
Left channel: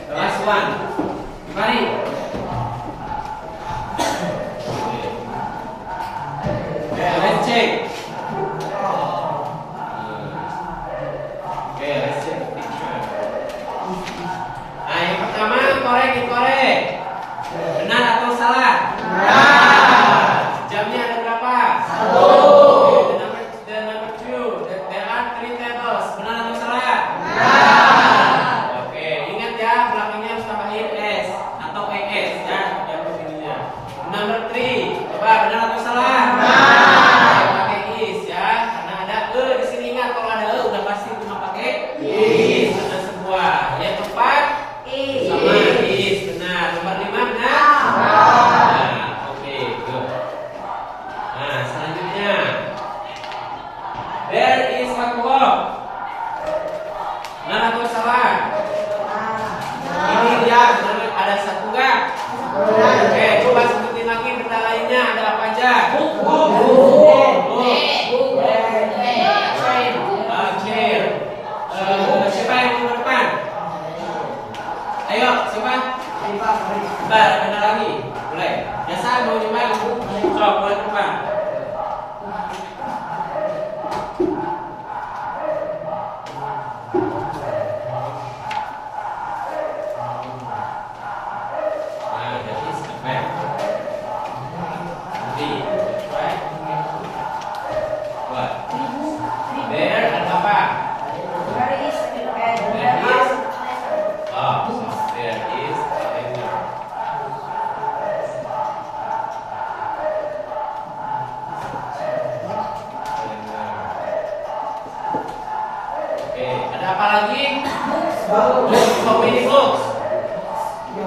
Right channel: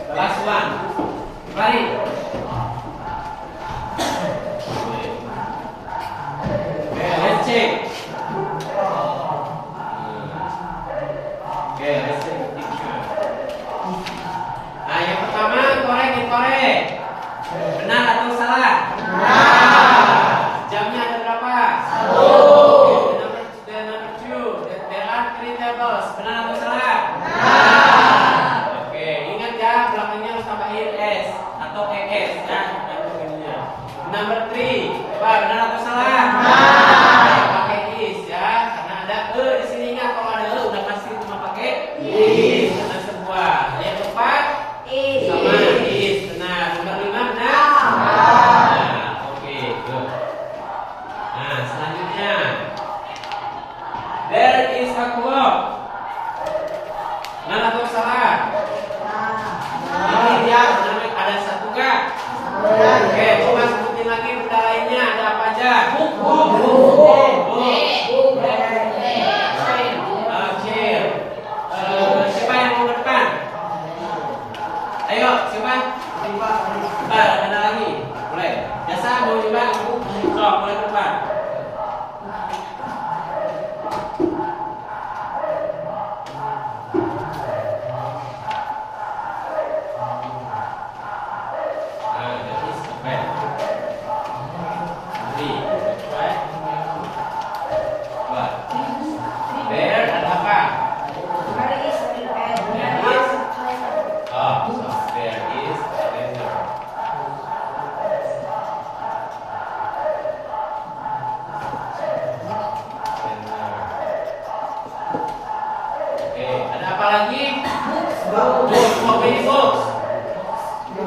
The last one. Bari. Okay, let's check. Okay, let's take a picture. Nah, yang pertama korek. Benar atau salah? Jamnya ada berapa? 1. The number 2. There are 3 tables. Benar atau salah? Oke, ingat ya belakangnya harus tambahin S atau ES ya. Dan begininya. Number 3. Coba benar atau salah? Pakai I. satu loh. Benar atau salah? Ini dia ada satu gak? Oke, coba sebutin lagi benda lainnya ada apa aja? Chair. Siapa yang mau ke depan? Ayo, siapa? Ada lagi? Boleh. Jasa mau coba? Oh, boleh ke depan.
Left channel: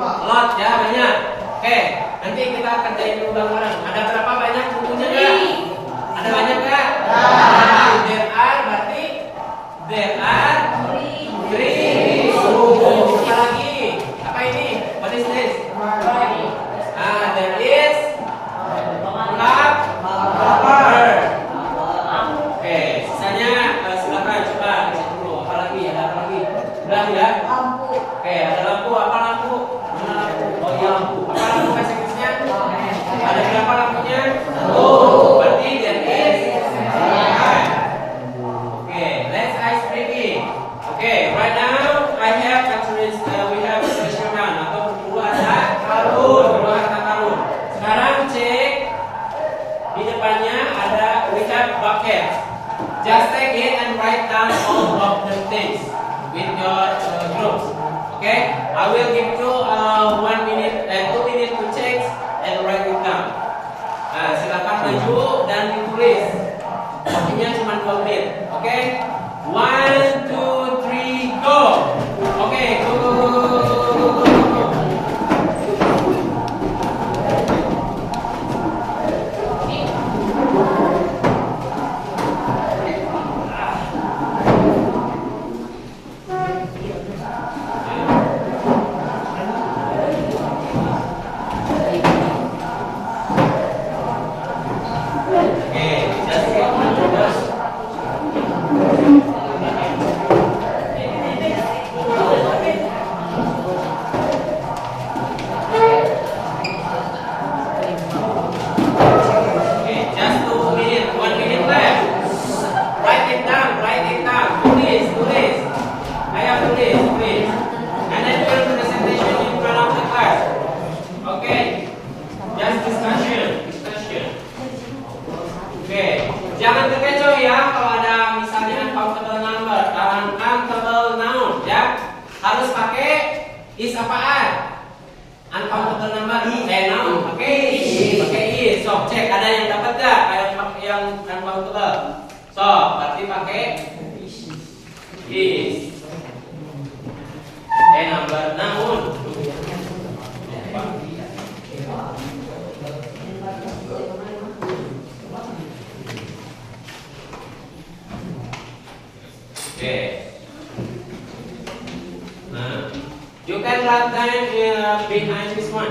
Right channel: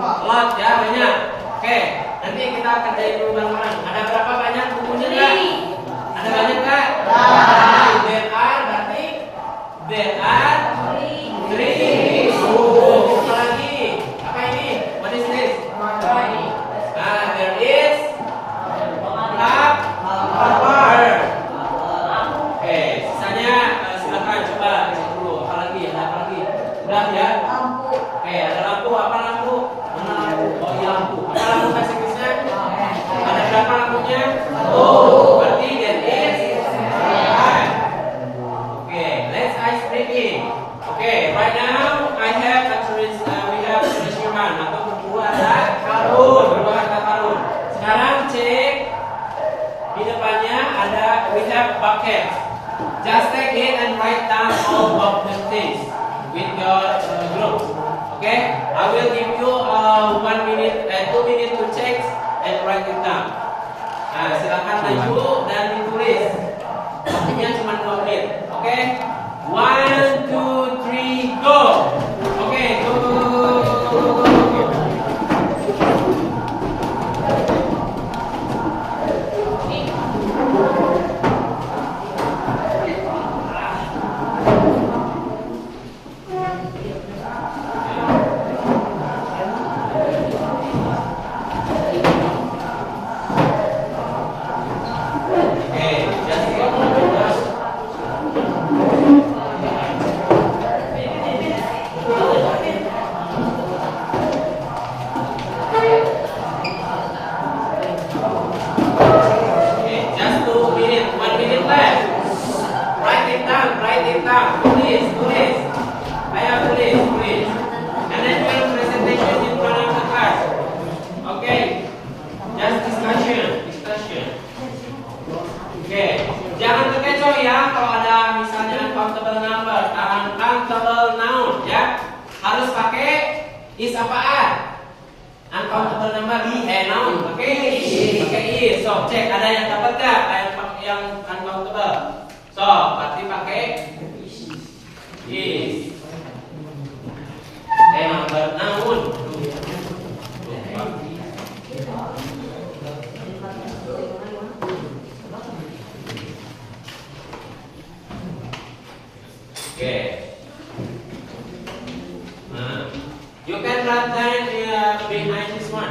Lot ya banyak. Oke, nanti kita akan dari dulu bareng. Ada berapa banyak bukunya kak? Ada banyak kak? There are berarti there are three. Apa lagi? Apa ini? What is this? There is bird. Oke, sisanya silakan coba cek dulu. Apa lagi? Ada apa lagi? Udah ya? Oke, ada lampu. Apa lampu? Mana lampu? Oh iya lampu. Apa lampu bahasa Inggrisnya? Ada berapa lampunya? Berarti there is one. Oke, let's ice breaking. Oke, right now I have actually we have measurement atau berdua ada karun. Berdua ada karun. Sekarang cek di depannya ada we have bucket. Just take it and write down all of the things with your groups. Okay, I will give you 1 minute, 2 minutes to check and write it down. Nah, silakan maju dan ditulis. Waktunya cuma 2 menit. Oke, 1, 2, 3, go. Oke, go. Jangan terkecoh ya kalau ada misalnya uncountable number, uncountable noun ya. Harus pakai is apaan? Uncountable number noun pakai is. So cek ada yang dapat gak kayak pakai yang uncountable. So berarti pakai is. Number noun. Okay. Nah, you can write that behind this one.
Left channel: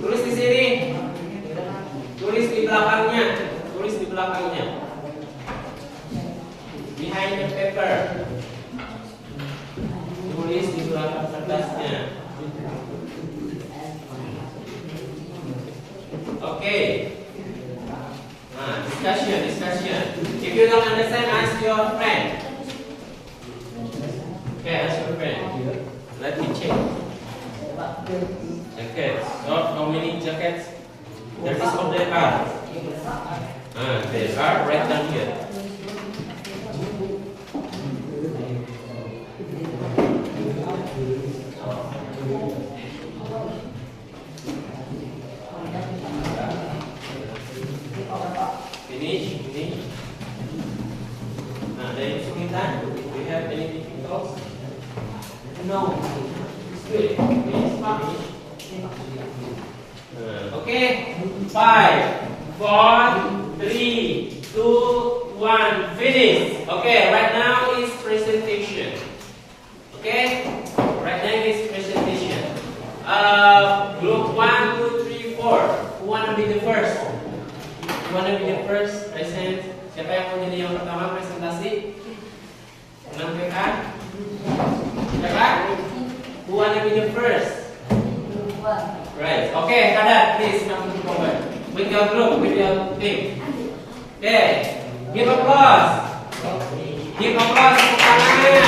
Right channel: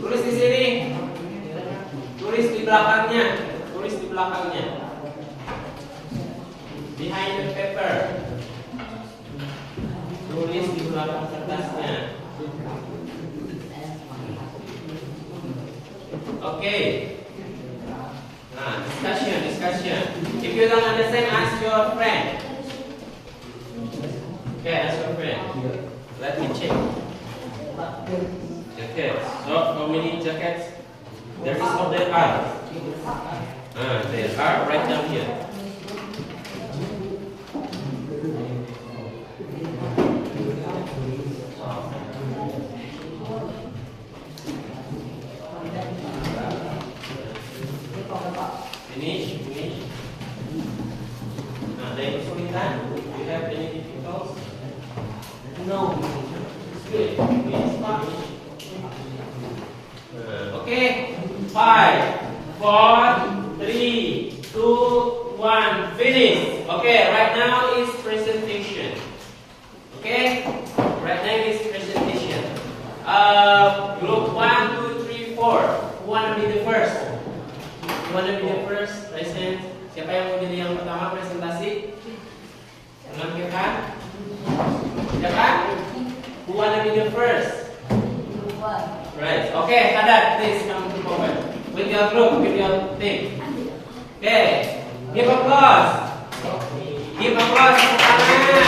Tulis di sini. Tulis di belakangnya. Tulis di belakangnya. Behind the paper. Tulis di belakang kertasnya. Okay. Nah, discussion. If you don't understand, ask your friend. Okay, ask your friend. Let me check. Jackets. So, how many jackets? There is of there are. There are right down here. Finish. Nah, dari kesulitan, do you have any difficulties? No. Good. Okay. 5, 4, 3, 2, 1. Finish. Okay. Okay, right now is presentation. Okay, right now is presentation. Group 1, 2, 3, 4. Who wanna be the first? Who wanna be the first present? Siapa yang mau jadi yang pertama presentasi? Menampilkan? Siapa? Who wanna be the first? Right. Okay, Tadat, please come forward with your group, with your team. Okay, give applause. Give applause untuk tangan.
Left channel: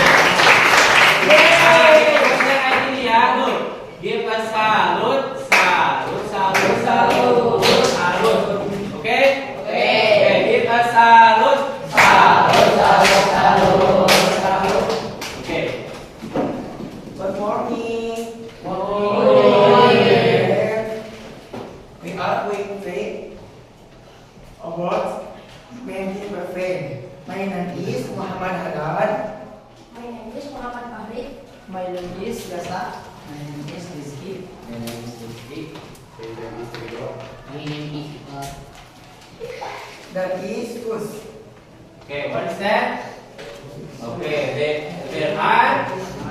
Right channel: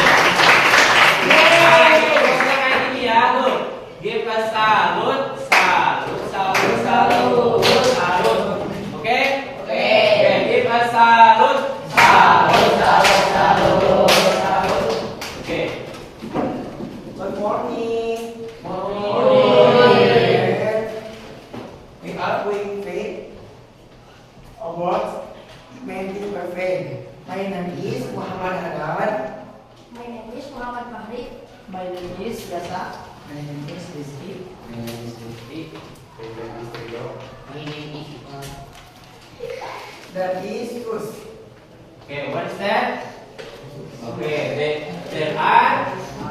Ini ya, look. Give a salute, salute, salute, salute, salute. Okay? Okay, give a salute, salute, salute, salute, salute. Okay. Good morning. We are going to play awards making perfect. My name is Muhammad Hadad. My name is Muhammad Fahri. My name is Gasa. My name is Rizky. My name is Lutfi. My name is Iqbal. That is Kus. Okay, what is that? Okay, there are sus.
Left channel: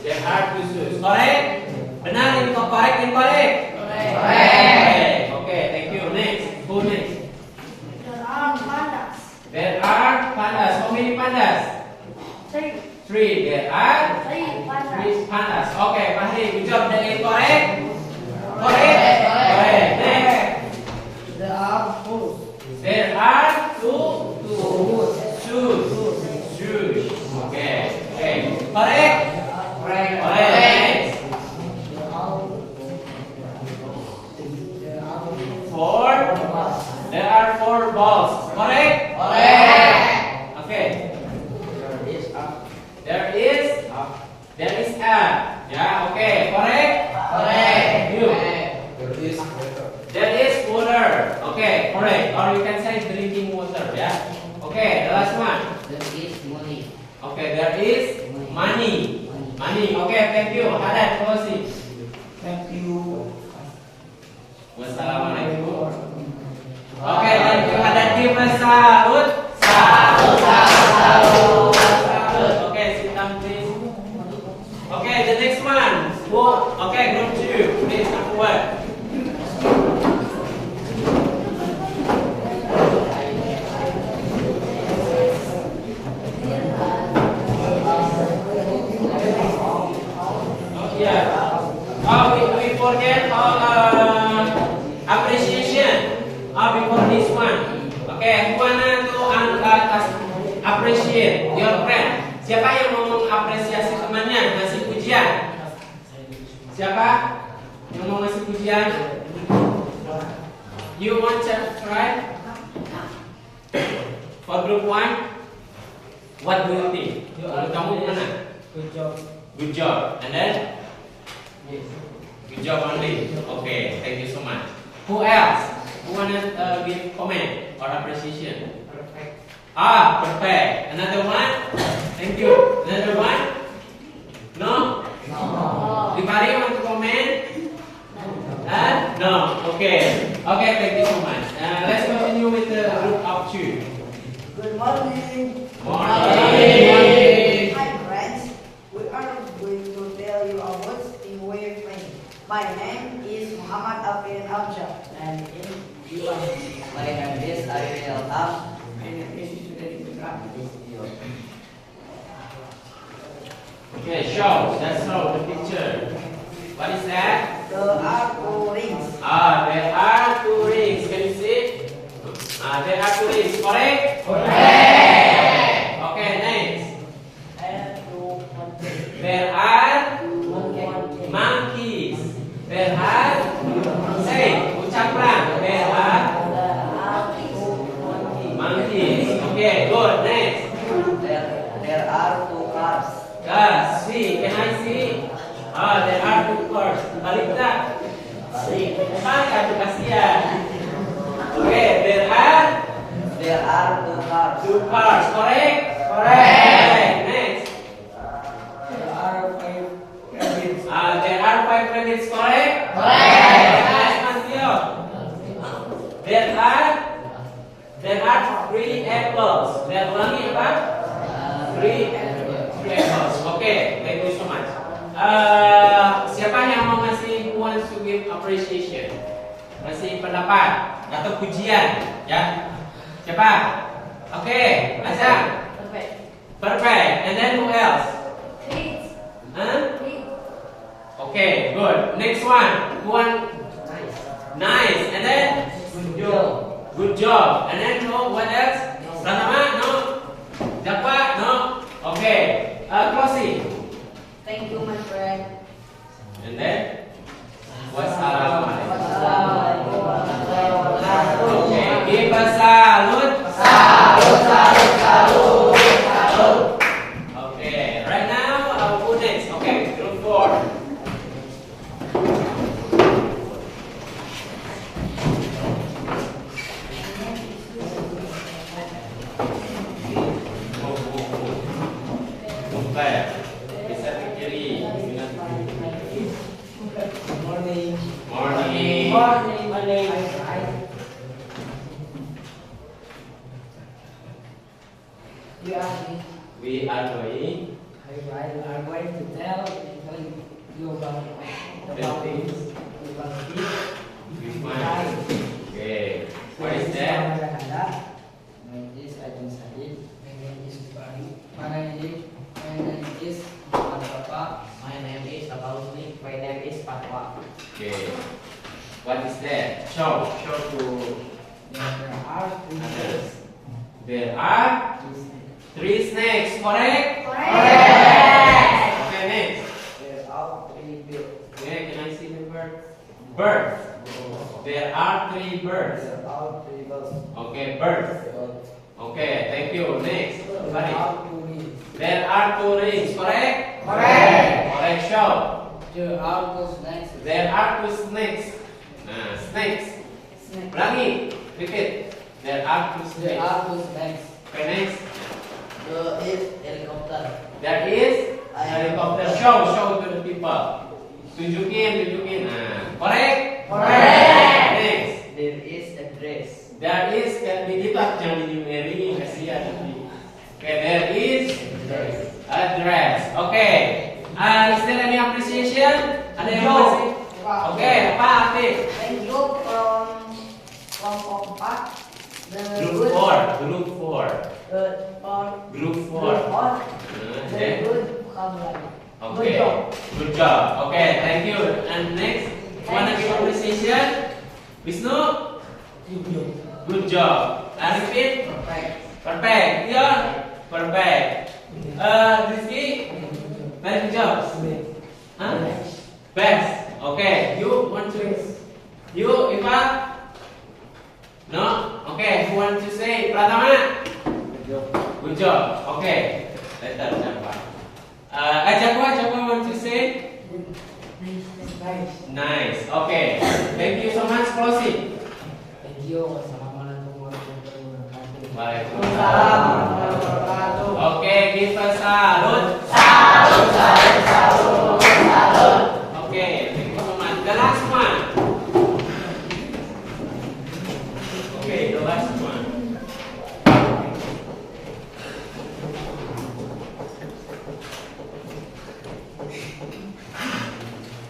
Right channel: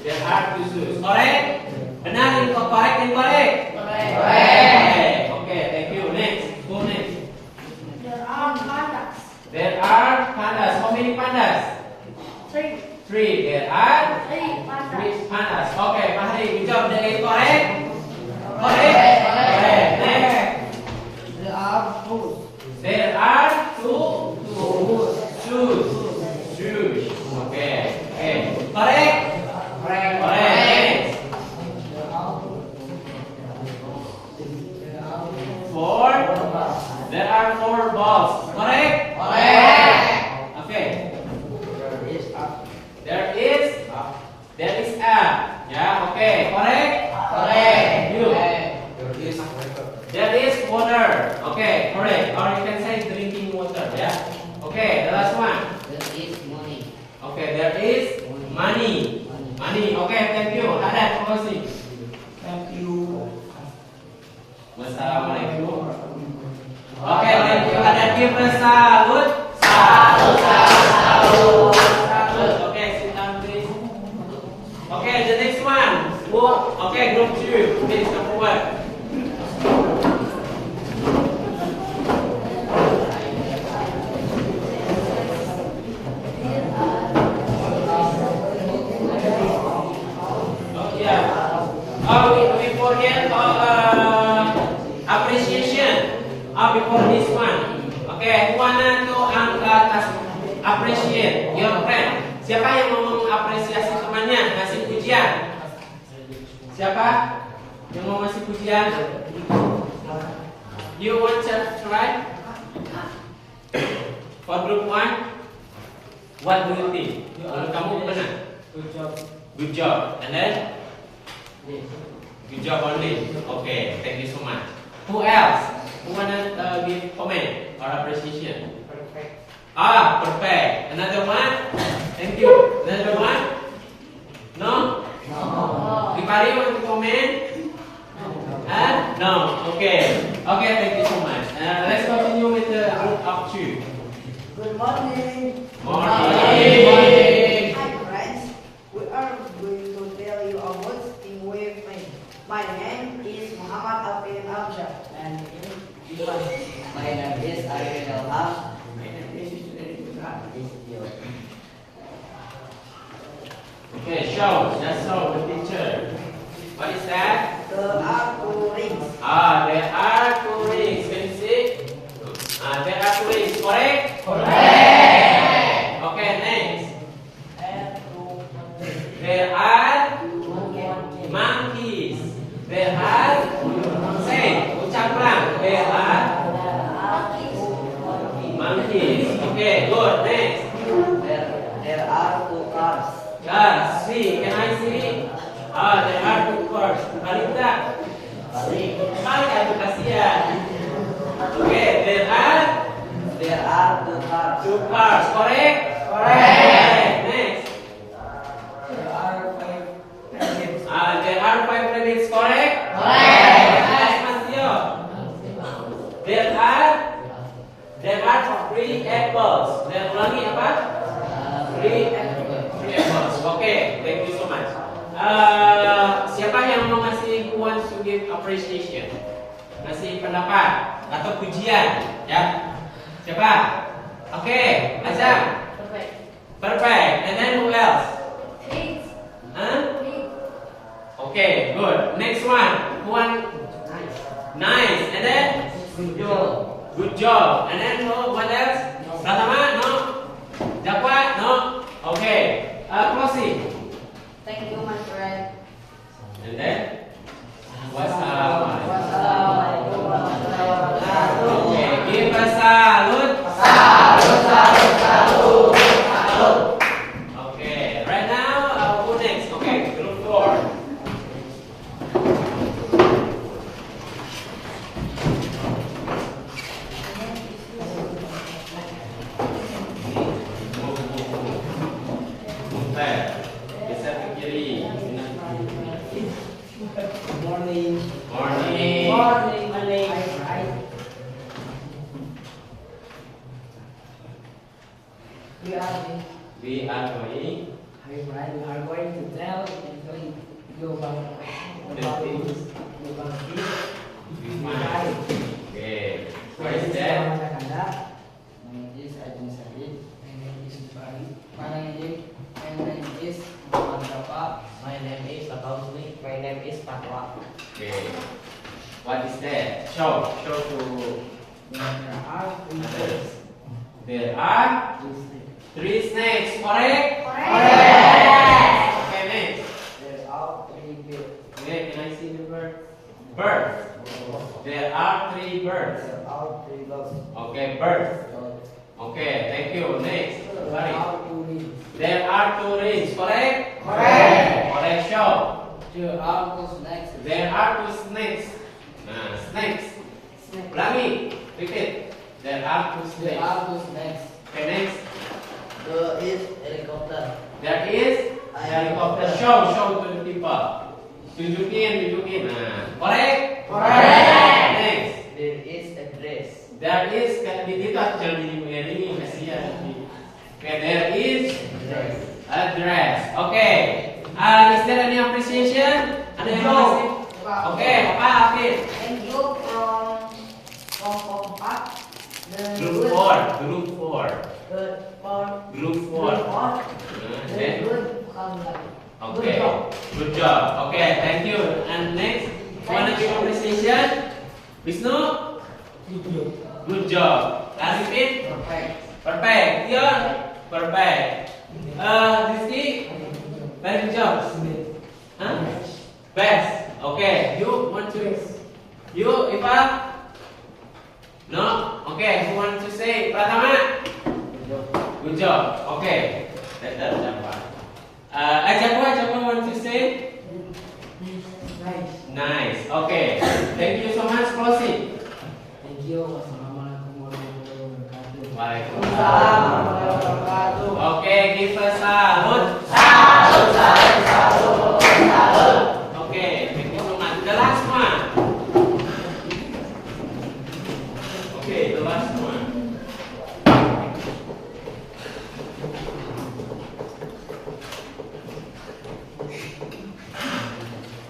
There are sus. Correct? Benar, incorrect, incorrect? Correct. Okay, thank you. Next, who next? There are pandas. There are pandas. How many pandas? 3. 3. There are 3 pandas. 3 pandas. Okay, Fahri, good job. That is correct? Correct. Correct. Next. There are shoes. There are shoes. Okay. Okay. Correct? Correct. Correct. Four. There are 4 balls. Correct? Correct. Okay. There is a. Yeah. Okay. Correct? Correct. You. There is water. Okay. Correct. Or you can say drinking water. Yeah. Okay. The last one. There is money. Okay. There is money. Money. Okay. Thank you. Ada. Terima kasih. Thank you. Wassalamualaikum. Okay. Thank you. Ada give salut. Salut. Okay. Sit down, please. Okay. The next one. Okay. Group 2. Please come forward. We forget appreciation. Before this one. Okay, who wanna to appreciate your friend? Siapa yang mau mengapresiasi temannya, ngasih pujian? Siapa yang mau ngasih pujian? You want to try? For group 1, what do you think? Kamu mana? Good job. Good job. And then? Good job only. Okay, thank you so much. Who else? Who wanna give comment or appreciation? Perfect. Perfect. Another one? Thank you. Another one? No? No. Anybody want to comment? No. Okay. Okay, thank you so much. Let's continue with the group of 2. Good morning. Morning. Hi friends. We are going to tell you about in wave name. My name is Muhammad Alvin Amjad. And my name is Arifin Elham. My name is Okay, show. Just show the picture. What is that? There are 2 rings. There are 2 rings. Can you see? There are 2 rings. Correct? Correct. Okay, next. And 2 There are monkeys. There are, say, ucapkan. There are monkeys. Okay, good. Next. There are 2 cars. See. Can I see? There are 2 cars. Balik tak? Balik atau kasihan? Okay, there are There are 2 cars. 2 cars. Correct? Correct. Next. There are 5 rabbits. There are 5 rabbits. Correct? Correct. Yes, Mas Tio. There are There are 3 apples. There are only apa? 3 apples. Okay, thank you so much. Siapa yang mau ngasih who wants to give appreciation? Ngasih pendapat atau pujian, ya? Siapa? Okay, Azam. Perfect. And then who else? Huh? Okay, good. Next one. Who want? Nice. And then? Good job. And then what else? Pratama? No. Jakwa? No. Okay. Closing. Thank you, my friend. And then? Wassalamualaikum. Okay, give a salute. Okay, right now, who next? Okay, group 4. Bisa ke kiri. Morning. Morning. We are going We are going to tell you about this. Okay. What is that? My name is Ajin Sadid. My name is Bari. My name is Muhammad Bapak. My name is Abausni. My name is Patwa. Okay. What is that? Show to There are others. There are 3 snakes. Correct? Correct. Okay, next. There are 3 birds. Okay, can I see the bird? Birds. There are 3 birds. There are 3 birds. Okay, birds. Okay, thank you. Next. There Sorry. are 2 rings. There are 2 rings. Correct? Correct. Correct. Show. There are 2 snakes. There are 2 snakes. Snakes. Ulangi. Repeat. There are 2 There snakes. are 2 snakes. Okay, next. There is helicopter. There is a helicopter. Show to the people. Tunjukin. Correct? Correct. Next. There is a dress. There is kan digital jangan di kasihan. Okay, there is a dress. Okay. Is there any appreciation? Ada yang mau kasih? Okay, apa Afif? Thank you from kelompok 4. Group 4. Group 4. Group 4. Then, okay. Good job. Okay, thank you. And next, wanna give appreciation? Wisnu? Good job. Arifin? Perfect. Dion? Perfect. Rizky? Very good job. Huh? Best. Okay. You want to? You, Iva? No? Okay. Who want to say? Pratama? Good job. Okay. Better, Jakwa. Jakwa want to say? Nice. Okay. Thank you so much. Closing. Thank you. Wassalamualaikum warahmatullahi wabarakatuh. Waalaikumsalam. Okay, give us salute. Okay, thank you so much. The last one. Okay, the last one.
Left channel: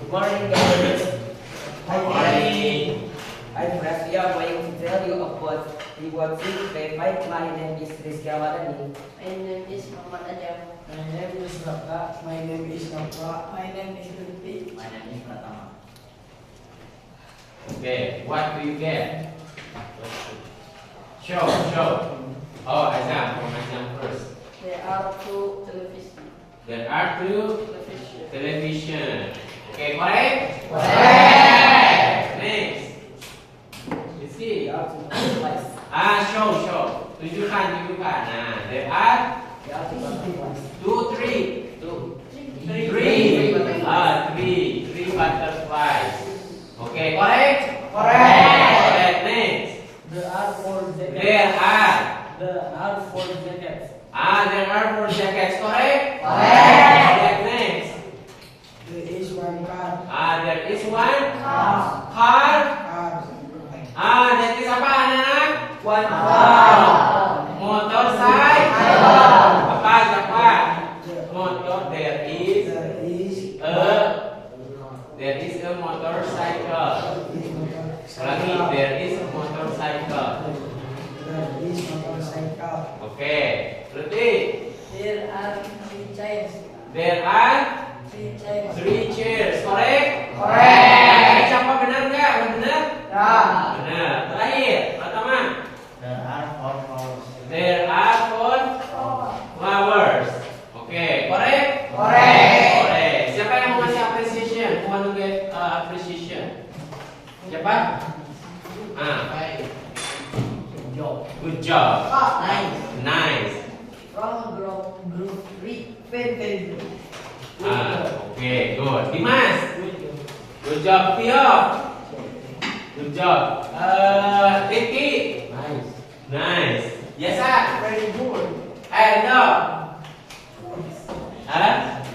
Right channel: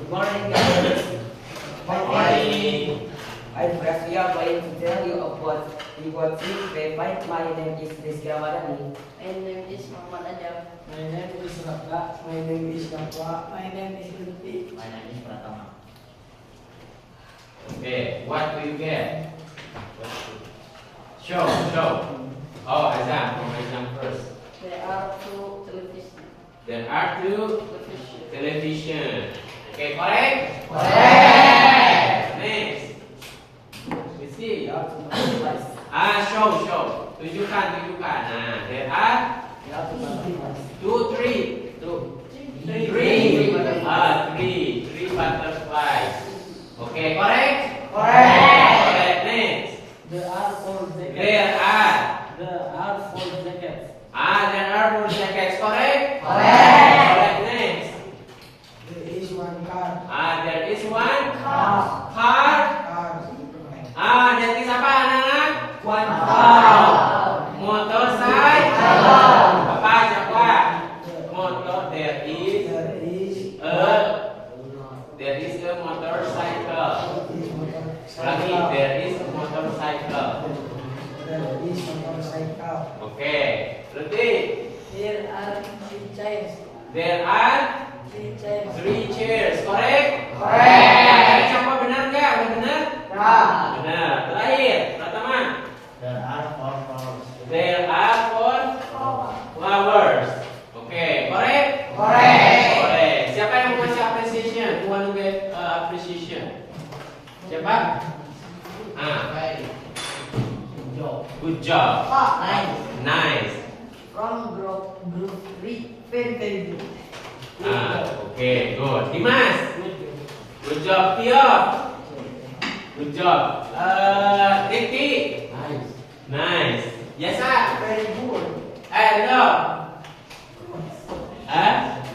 Good morning, guys. Morning. I'm Rafia going to tell you about rewarding payment. My name is Rizky Amadani. My name is Muhammad Ajam. My name is Raka. My name is Napa. My name is Lutfi. My name is Pratama. Okay, what do you get? Show. Oh, Azam. From Azam first. There are 2 television. There are 2 television. Okay, correct? Next. You see? Show. Tunjukkan. Nah, there are 2, 3. 3 butterflies. Okay, correct? Correct. Next. There are 4 jackets. There are. There are 4 jackets. There are 4 jackets. Correct? Correct. Next. There is 1 car. There is 1 car. That is apa, anak-anak? One Motorcycle. Apa siapa? Motor. There is a motorcycle. Lagi, there is a motorcycle. Oke, berarti There are 3 chairs. there are 3 chairs. 3 chairs. Correct? Correct. Siapa benar nggak? Udah benar? Benar. Terakhir, pertama. There are 4 flowers. There are 4 flowers. Oke, correct? Correct. Siapa yang mau kasih appreciation? Who want to get appreciation? Siapa? Good job. Nice. From group 3, very good. Oke, good. Dimas. Good job. Tio. Good job. Ricky. Nice. Yasa. Very good. No.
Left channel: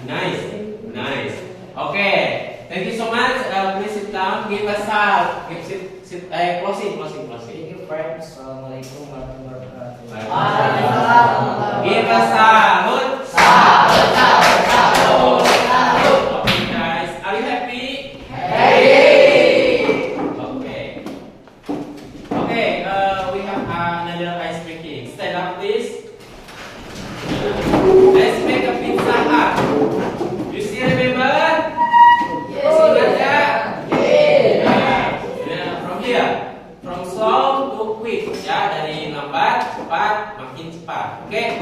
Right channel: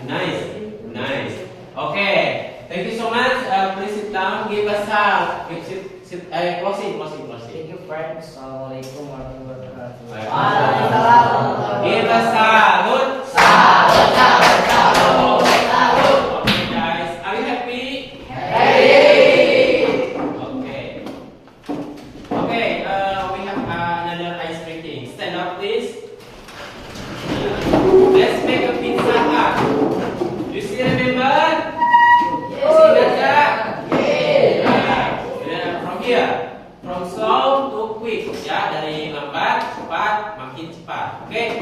Nice. Okay. Thank you so much. Please sit down. Give us out. Closing. Thank you, friends. Assalamualaikum warahmatullahi wabarakatuh. Give us salute. Okay, guys. Are you happy? Okay. We have another ice breaking. Stand up, please. Let's make a pizza hut. You still remember? Ingat nggak? From here, from slow to quick. Ya, dari lambat, cepat, makin cepat. Oke.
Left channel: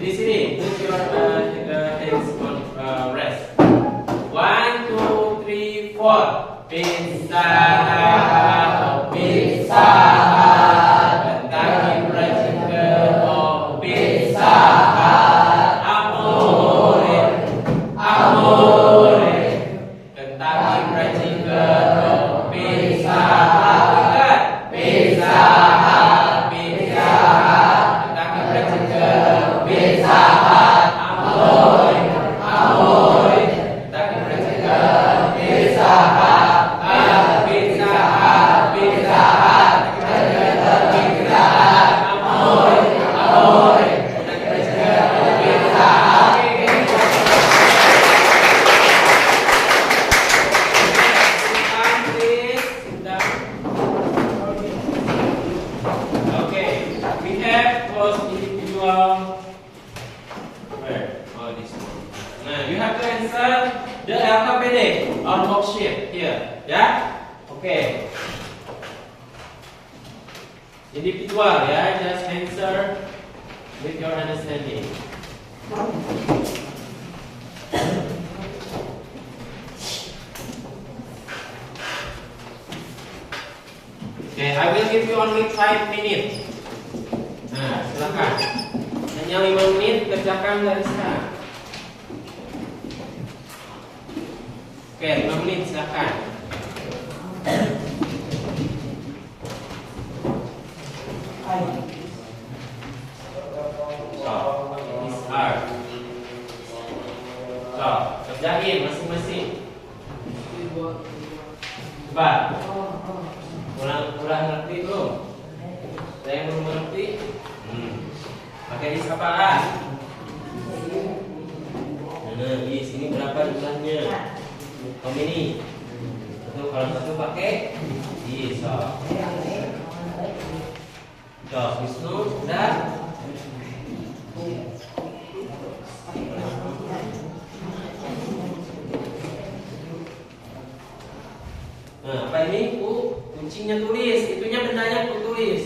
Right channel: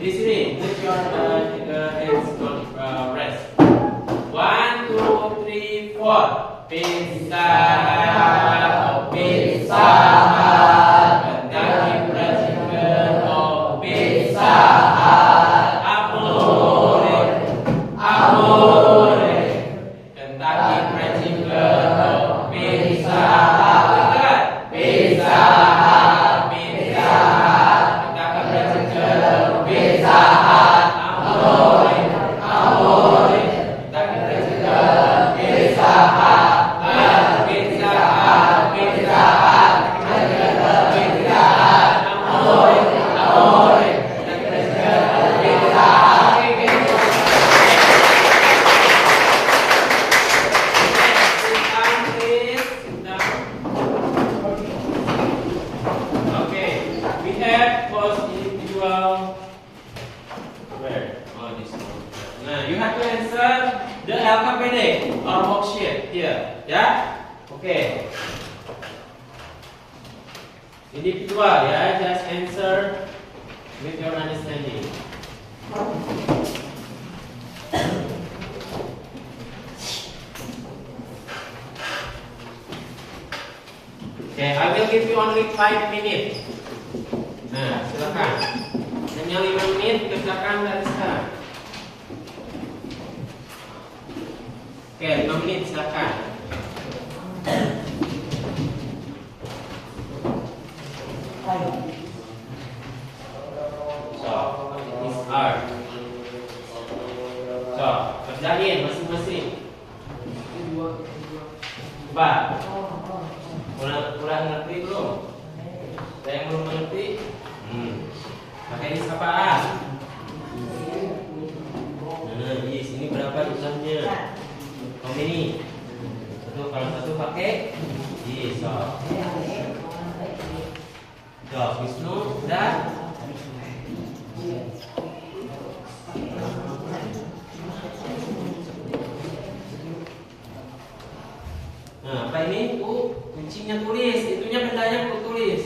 Di sini, put your hands on rest. 1, 2, 3, 4. Pizza, pizza. Kentucky Fried Chicken, oh pizza. Amore, amore. Kentucky Fried Chicken, oh pizza. Ingat, pizza, pizza. Kentucky Fried Chicken, pizza. Amore, amore. Kentucky Fried Chicken, pizza. Okay, we have close individual. Where? Oh, this one. Now you have to answer the alphabetic or worksheet here. Yeah. Okay. Individual, yeah. Just answer with your understanding. Okay, I will give you only 5 minutes. Nah, silakan. Hanya 5 menit kerjakan dari sekarang. Oke, 5 menit silakan. This art. Kerjain masing-masing. Coba. Kurang ngerti belum? Saya yang belum ngerti. Pakai sapaan. Nah, di sini berapa jumlahnya? How many? Kalau satu pakai so. Wisnu udah. Nah, apa ini? Kucingnya tulis, itunya bendanya tulis.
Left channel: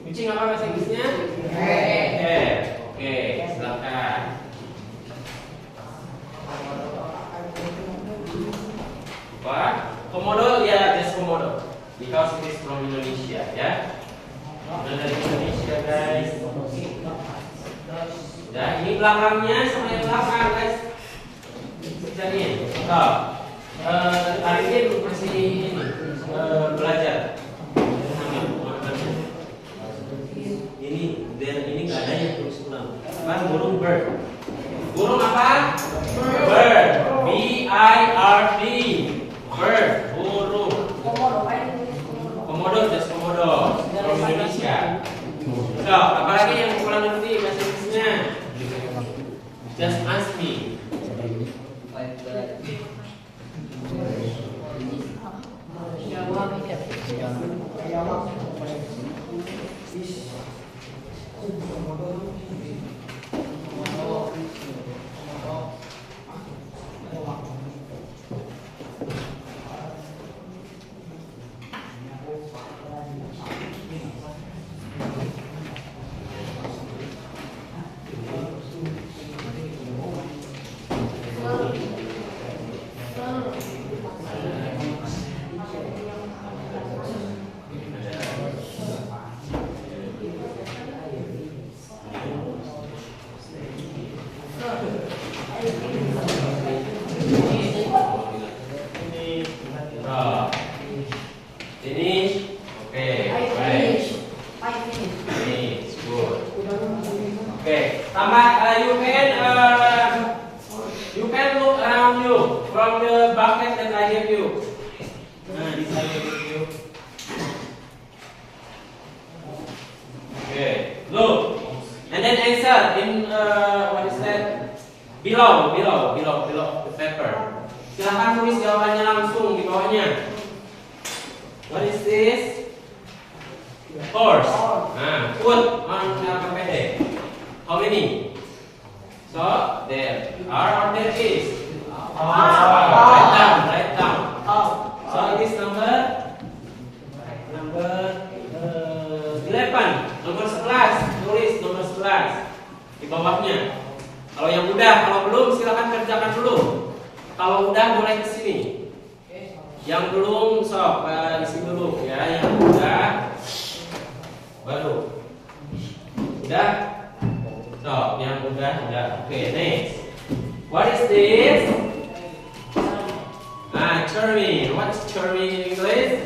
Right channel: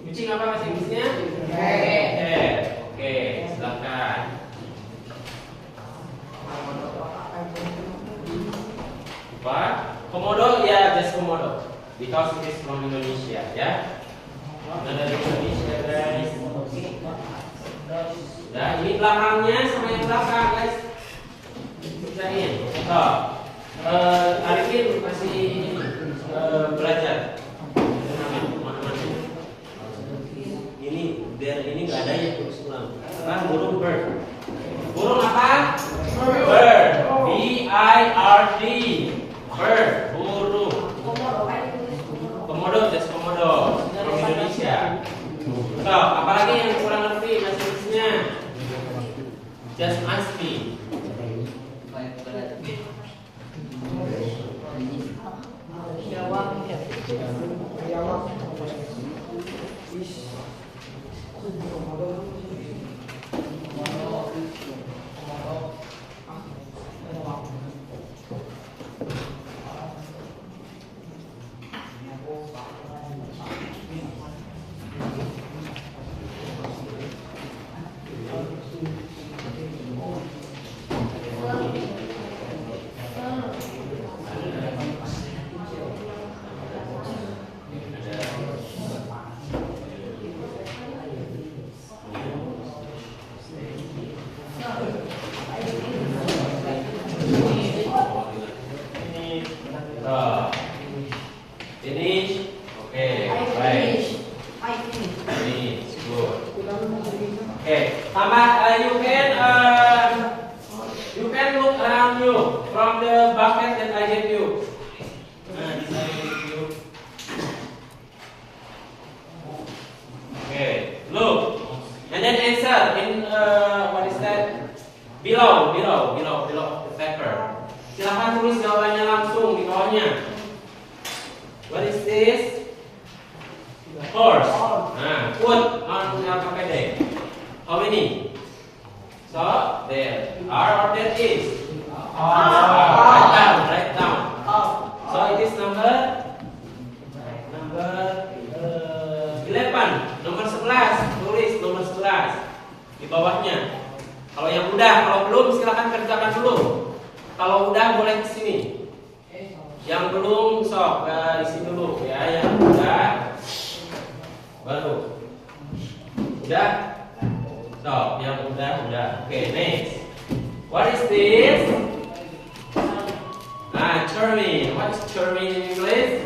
Kucing apa bahasa Inggrisnya? Oke, silakan. Apa? Komodo, ya, just komodo. Because it is from Indonesia, ya. Dari Indonesia, guys. Nah, ini belakangnya sama yang belakang, guys. Kerjain. Arifin masih belajar. Ini nggak ada yang terus ulang. Burung bird. Burung apa? Bird. B-I-R-D. Bird. Burung. Komodo. Just komodo. Komodo from Indonesia. So, apalagi yang kurang ngerti bahasa Inggrisnya? Just ask me. You can look around you from the bucket that I gave you. This I gave you. Okay, look, and then answer in what is that? Below the paper. Silakan tulis jawabannya langsung di bawahnya. What is this? Horse. Nah, put on KPD. How many? So there are or there is. Write down. So it is number 11. Nomor 11. Tulis nomor 11 di bawahnya. Kalau yang udah, kalau belum silakan kerjakan dulu. Kalau udah boleh ke sini. Yang belum sok isi dulu ya. Yang udah baru. Udah? Stop. Yang udah. Okay, next. What is this? Chermin. What's chermin in English?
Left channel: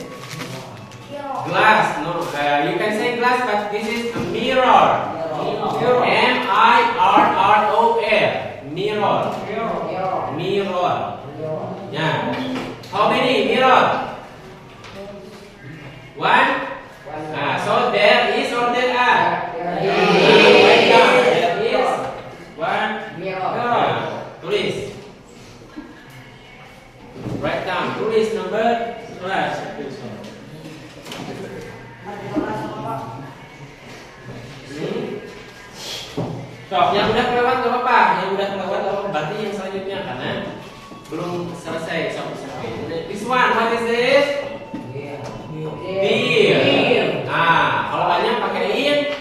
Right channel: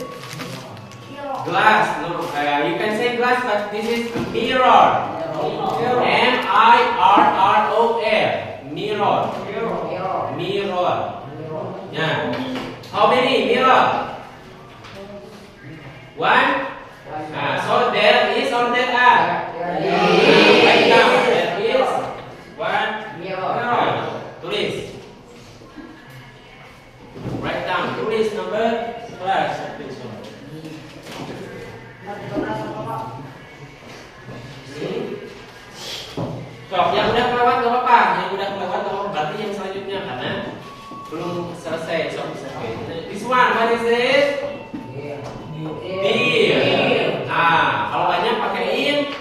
Glass. No, you can say glass, but this is a mirror. M-I-R-R-O-R. Mirror. Mirror. Yeah. How many mirror? One. So there is or there are? Right now there is one mirror. Tulis. Write down. Tulis number 11. So, yang udah kelewat gak apa-apa. Yang udah kelewat gak apa-apa. Berarti yang selanjutnya karena belum selesai. This one, what is this? Deer. Kalau banyak pakai in.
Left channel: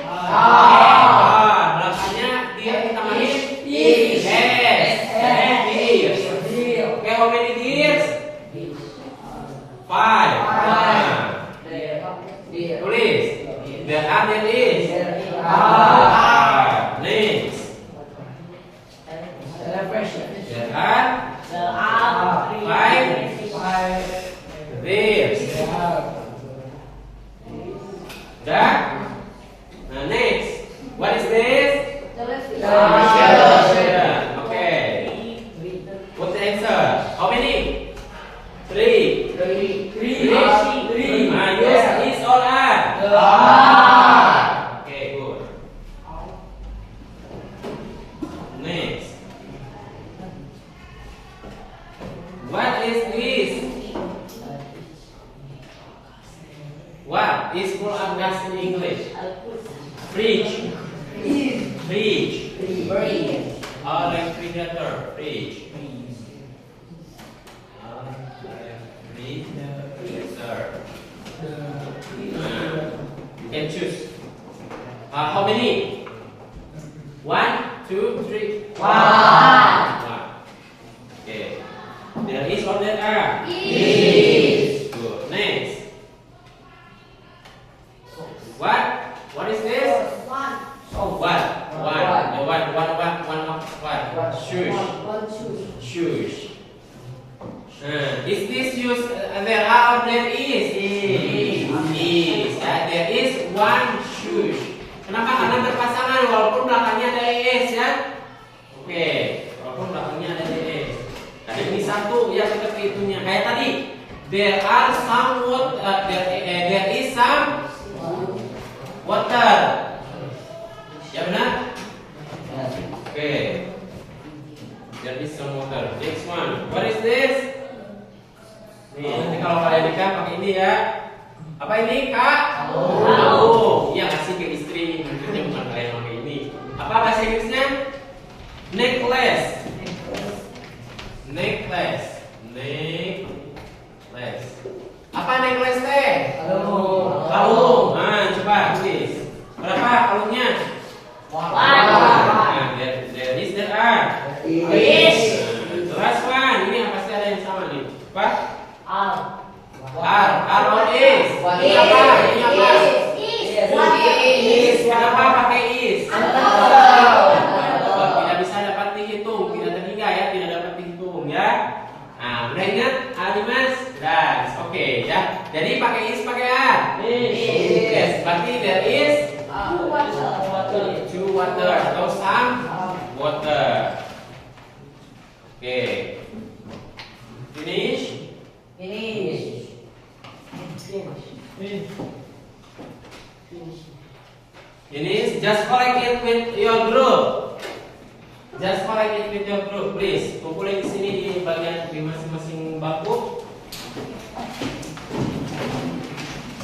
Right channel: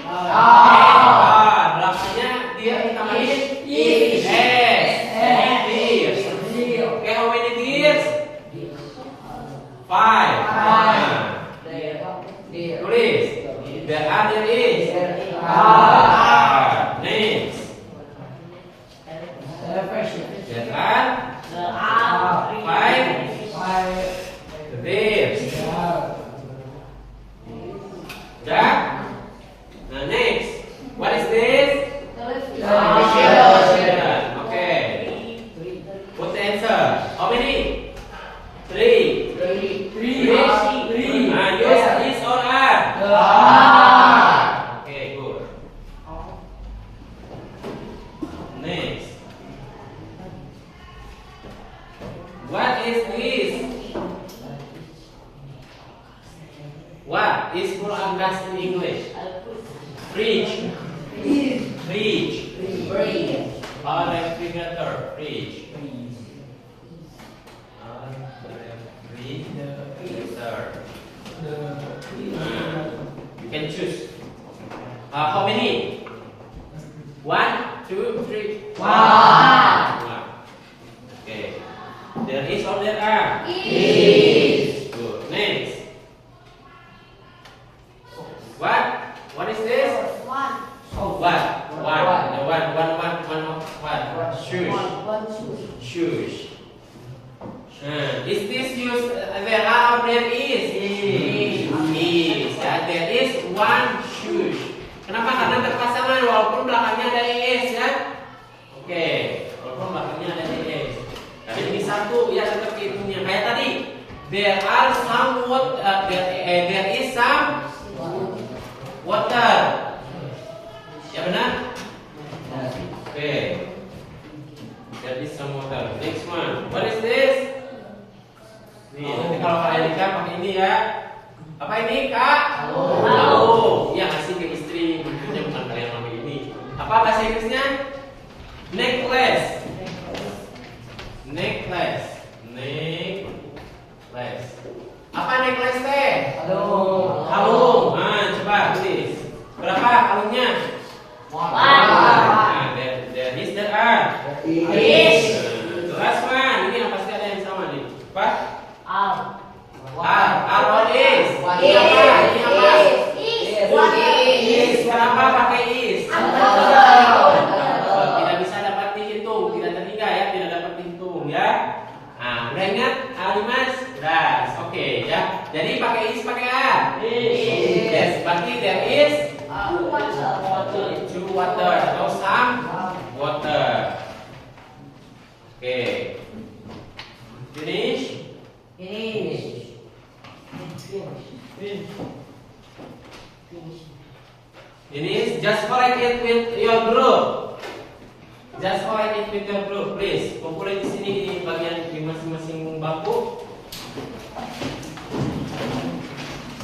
Belakangnya dia ditambahin is. Deer. Okay, how many deers? 5. Tulis. There are, there is. Next. There are 5 deers. Next. What is this? Okay. What's the answer? How many? 3. Yes, is or are? Okay, good. Next. What is this? What is full of gas in English? Fridge. Refrigerator. Fridge. You can choose. How many? 1, 2, 3. 1. Okay. There is or there are? Is. Good. Next. What is this? What? Shoes. Is this used? There are or there is? Is. Ya, there is one shoes. Kenapa? Karena berpasangan walaupun belakangnya ada is ya. Oke, walaupun belakangnya ada is. Tadi ini satu ya seperti itunya. Kayak tadi, there are some there is some Finish. Just collect it with your group. Just collect it with your group, please. Kumpulin di sini di bagian di masing-masing bangku.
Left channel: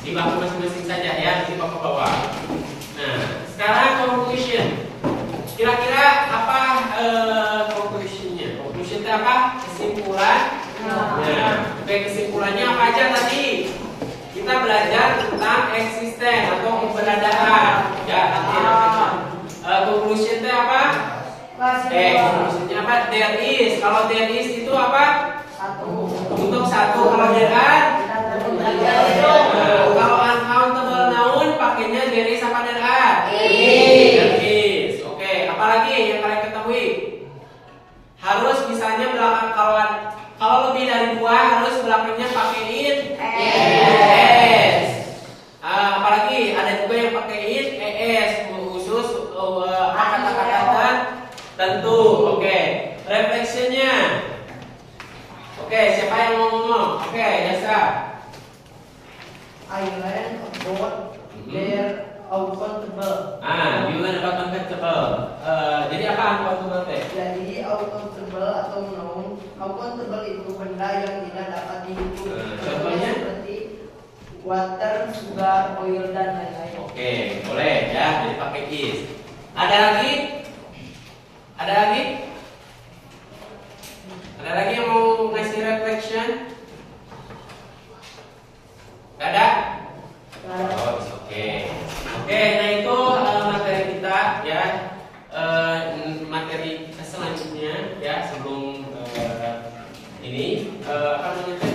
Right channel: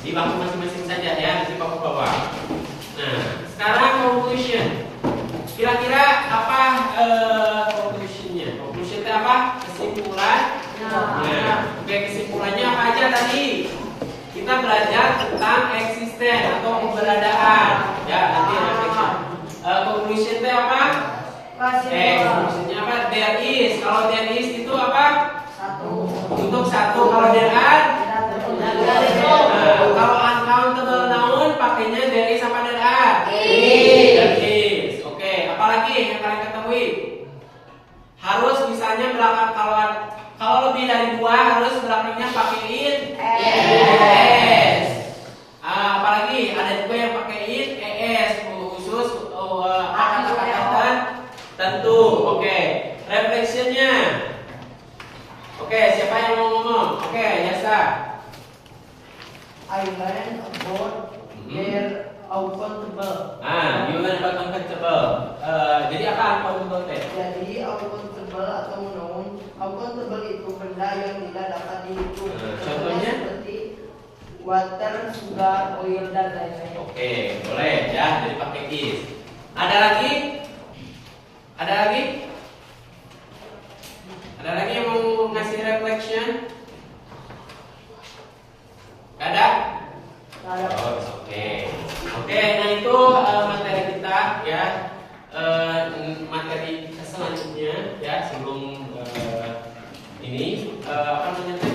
Di bangku masing-masing saja ya, nanti bapak bawa. Nah, sekarang conclusion. Kira-kira apa conclusionnya? Conclusion itu apa? Kesimpulan. Nah, kesimpulannya apa aja tadi? Kita belajar tentang eksisten atau keberadaan. Ya, nanti conclusion itu apa? Conclusionnya apa? There is. Kalau there is itu apa? Untuk satu. Kalau there are, kalau uncountable noun pakainya there is apa there are? There is. Oke, apalagi yang kalian ketahui? Harus misalnya belakang kalau lebih dari 2 harus belakangnya pakaiin es. Apalagi ada juga yang pakaiin es khusus kata-kata tentu. Oke, reflectionnya. Oke, siapa yang mau ngomong? Oke, Yasa. I learned about their uncountable. You learn about uncountable. Jadi apa uncountable teh? Jadi uncountable atau noun, uncountable itu benda yang tidak dapat dihitung. Contohnya? Seperti water, sugar, oil dan lain-lain. Oke, boleh ya. Jadi pakai is. Ada lagi? Ada lagi? Ada lagi yang mau ngasih reflection? Gak ada? Oh, oke. Oke, nah itu materi kita ya. Materi selanjutnya ya sebelum ini apa namanya?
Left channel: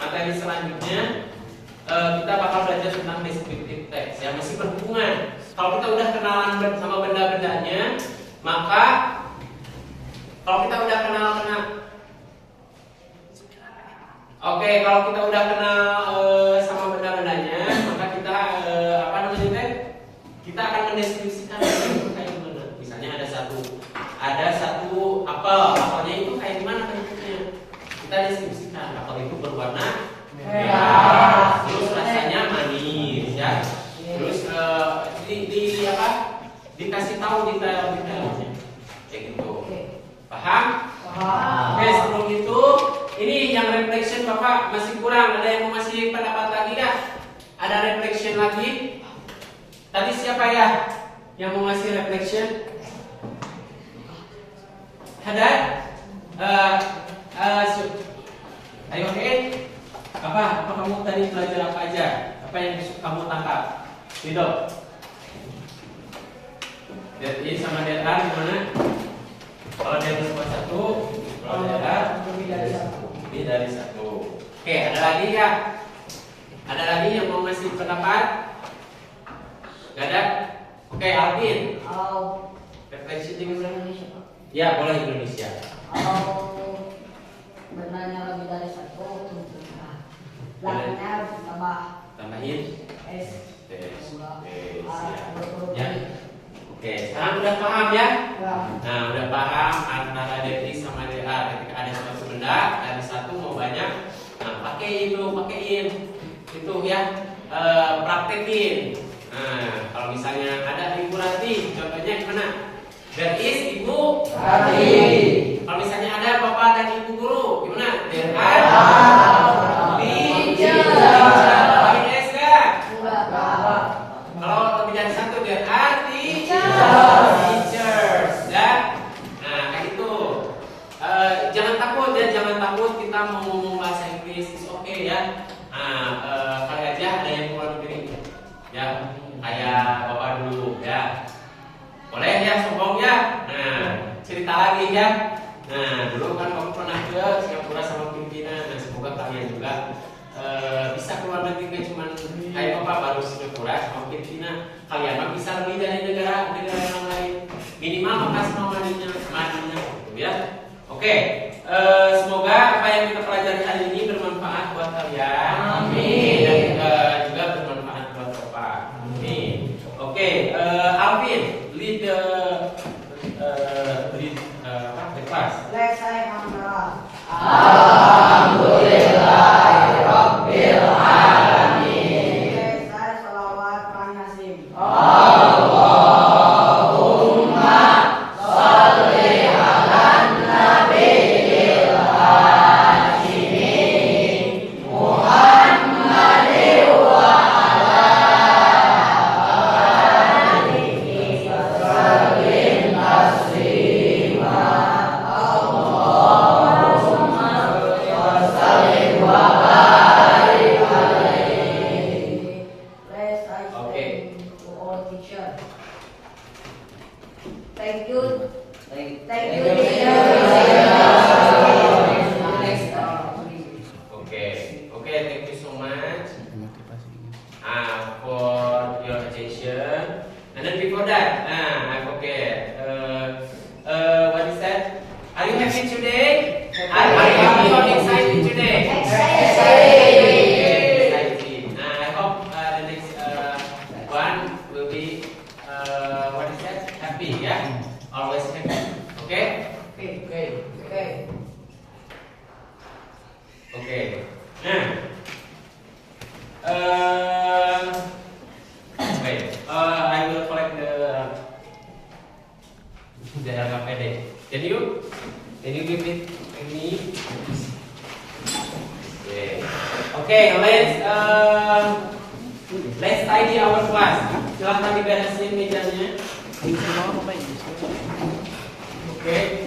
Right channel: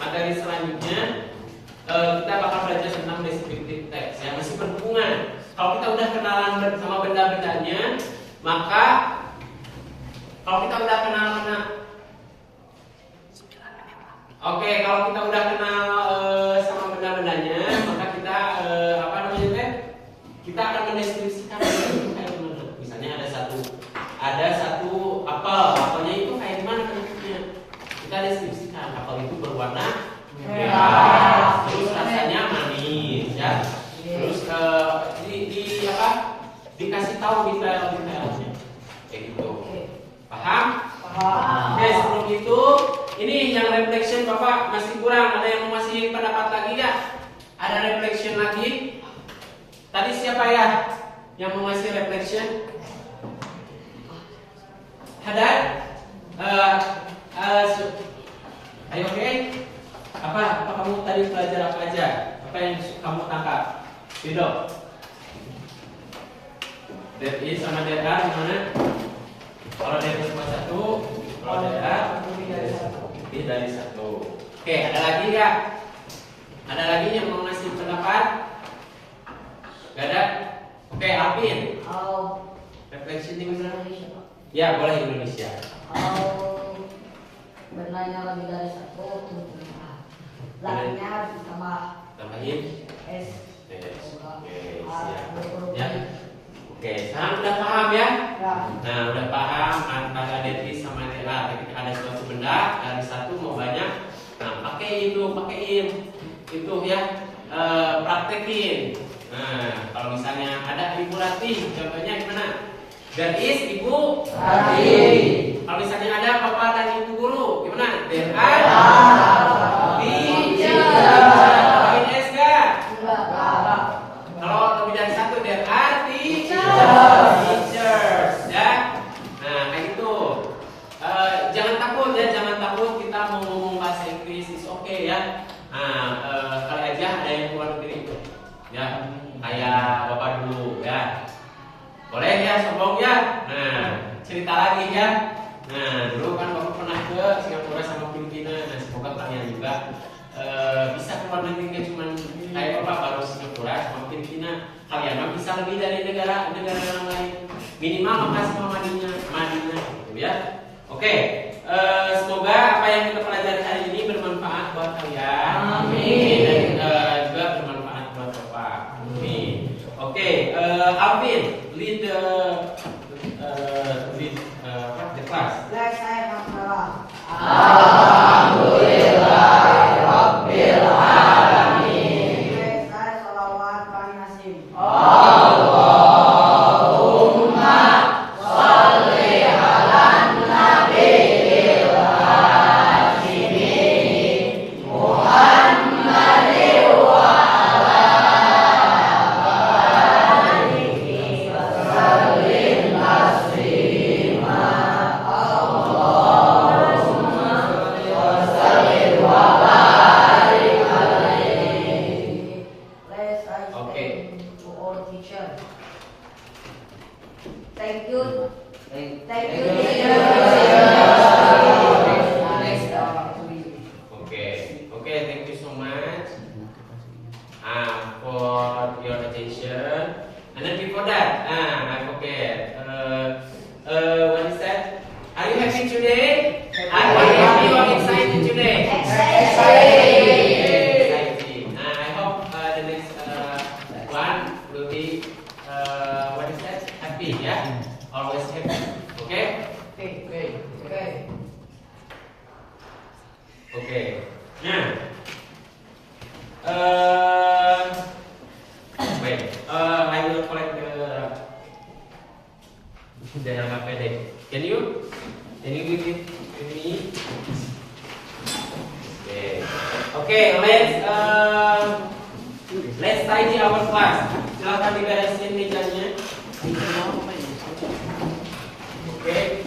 Materi selanjutnya kita bakal belajar tentang descriptive text yang masih berhubungan. Kalau kita udah kenalan sama benda-bendanya, maka kalau kita udah kenal Oke, kalau kita udah kenal sama benda-bendanya, maka kita apa namanya teh? Kita akan mendeskripsikan itu kayak gimana. Misalnya ada satu apel, apelnya itu kayak gimana bentuknya. Kita deskripsikan apel itu berwarna merah, terus rasanya manis, ya. Terus di apa? Dikasih tahu detail-detailnya, kayak gitu. Paham? Oke, sebelum itu. Ini yang reflection Bapak masih kurang. Ada yang mau masih pendapat lagi nggak? Ada reflection lagi? Tadi siapa ya yang mau ngasih reflection? Ada? Ayo oke. Apa kamu tadi belajar apa aja? Apa yang kamu tangkap? Gitu. That is sama that are gimana? Kalau dia cuma satu, kalau that are lebih dari satu. Oke, ada lagi ya? Ada lagi yang mau ngasih pendapat? Gak ada? Oke, Alvin. Refleksi di Indonesia. Ya, boleh Indonesia. Kalau benarnya lebih dari satu, belakangnya ditambah Tambahin. S. Oke, siap. Ya. Oke, sekarang udah paham ya? Nah, udah paham antara there is sama there are. Ketika ada suatu benda dari satu mau banyak, nah pakein itu ya, praktekin. Nah, kalau misalnya ada Ibu Rati, contohnya gimana? There is Ibu Rati. Kalau misalnya ada Bapak dan Ibu Guru, gimana? There are teachers. Pakai S nggak? Kalau lebih dari satu there are teachers, ya. Nah, kayak gitu. Jangan takut kita mau ngomong bahasa Inggris, is okay ya. Nah, kali aja ada yang keluar negeri, ya. Kayak Bapak dulu, ya. Boleh ya, sombong ya. Nah, cerita lagi ya. Nah, dulu kan kamu pernah ke Singapura sama Filipina. Nah, semoga kalian juga bisa keluar negeri, kan cuma kayak Bapak baru Singapura sama Filipina. Kalian mah bisa lebih dari negara yang lain. Minimal makasih Madinah gitu ya. Oke, semoga apa yang kita pelajari hari ini bermanfaat buat kalian. Amin. Dan juga bermanfaat buat Bapak. Amin. Oke, Alvin, lead the class. Let's say hamdalah. Alhamdulillah Rabbil Alamin. Saya salawat Kang Nasim. Let's I Okay. to all teacher. Thank you. Thank Thank you. you, teacher. Next, Okay, okay, thank you so much for your attention. And then before that, I forget. What is that? Are you happy today? Are you happy or excited today? Excited. I hope the next one will be what is that? Happy, yeah. Always happy. Okay. Okay. Okay. Nah. Wait. I will collect the RKPD. Can you give it to me? Okay. Okay. Let's tidy our class. Silahkan diberesin mejanya. Okay.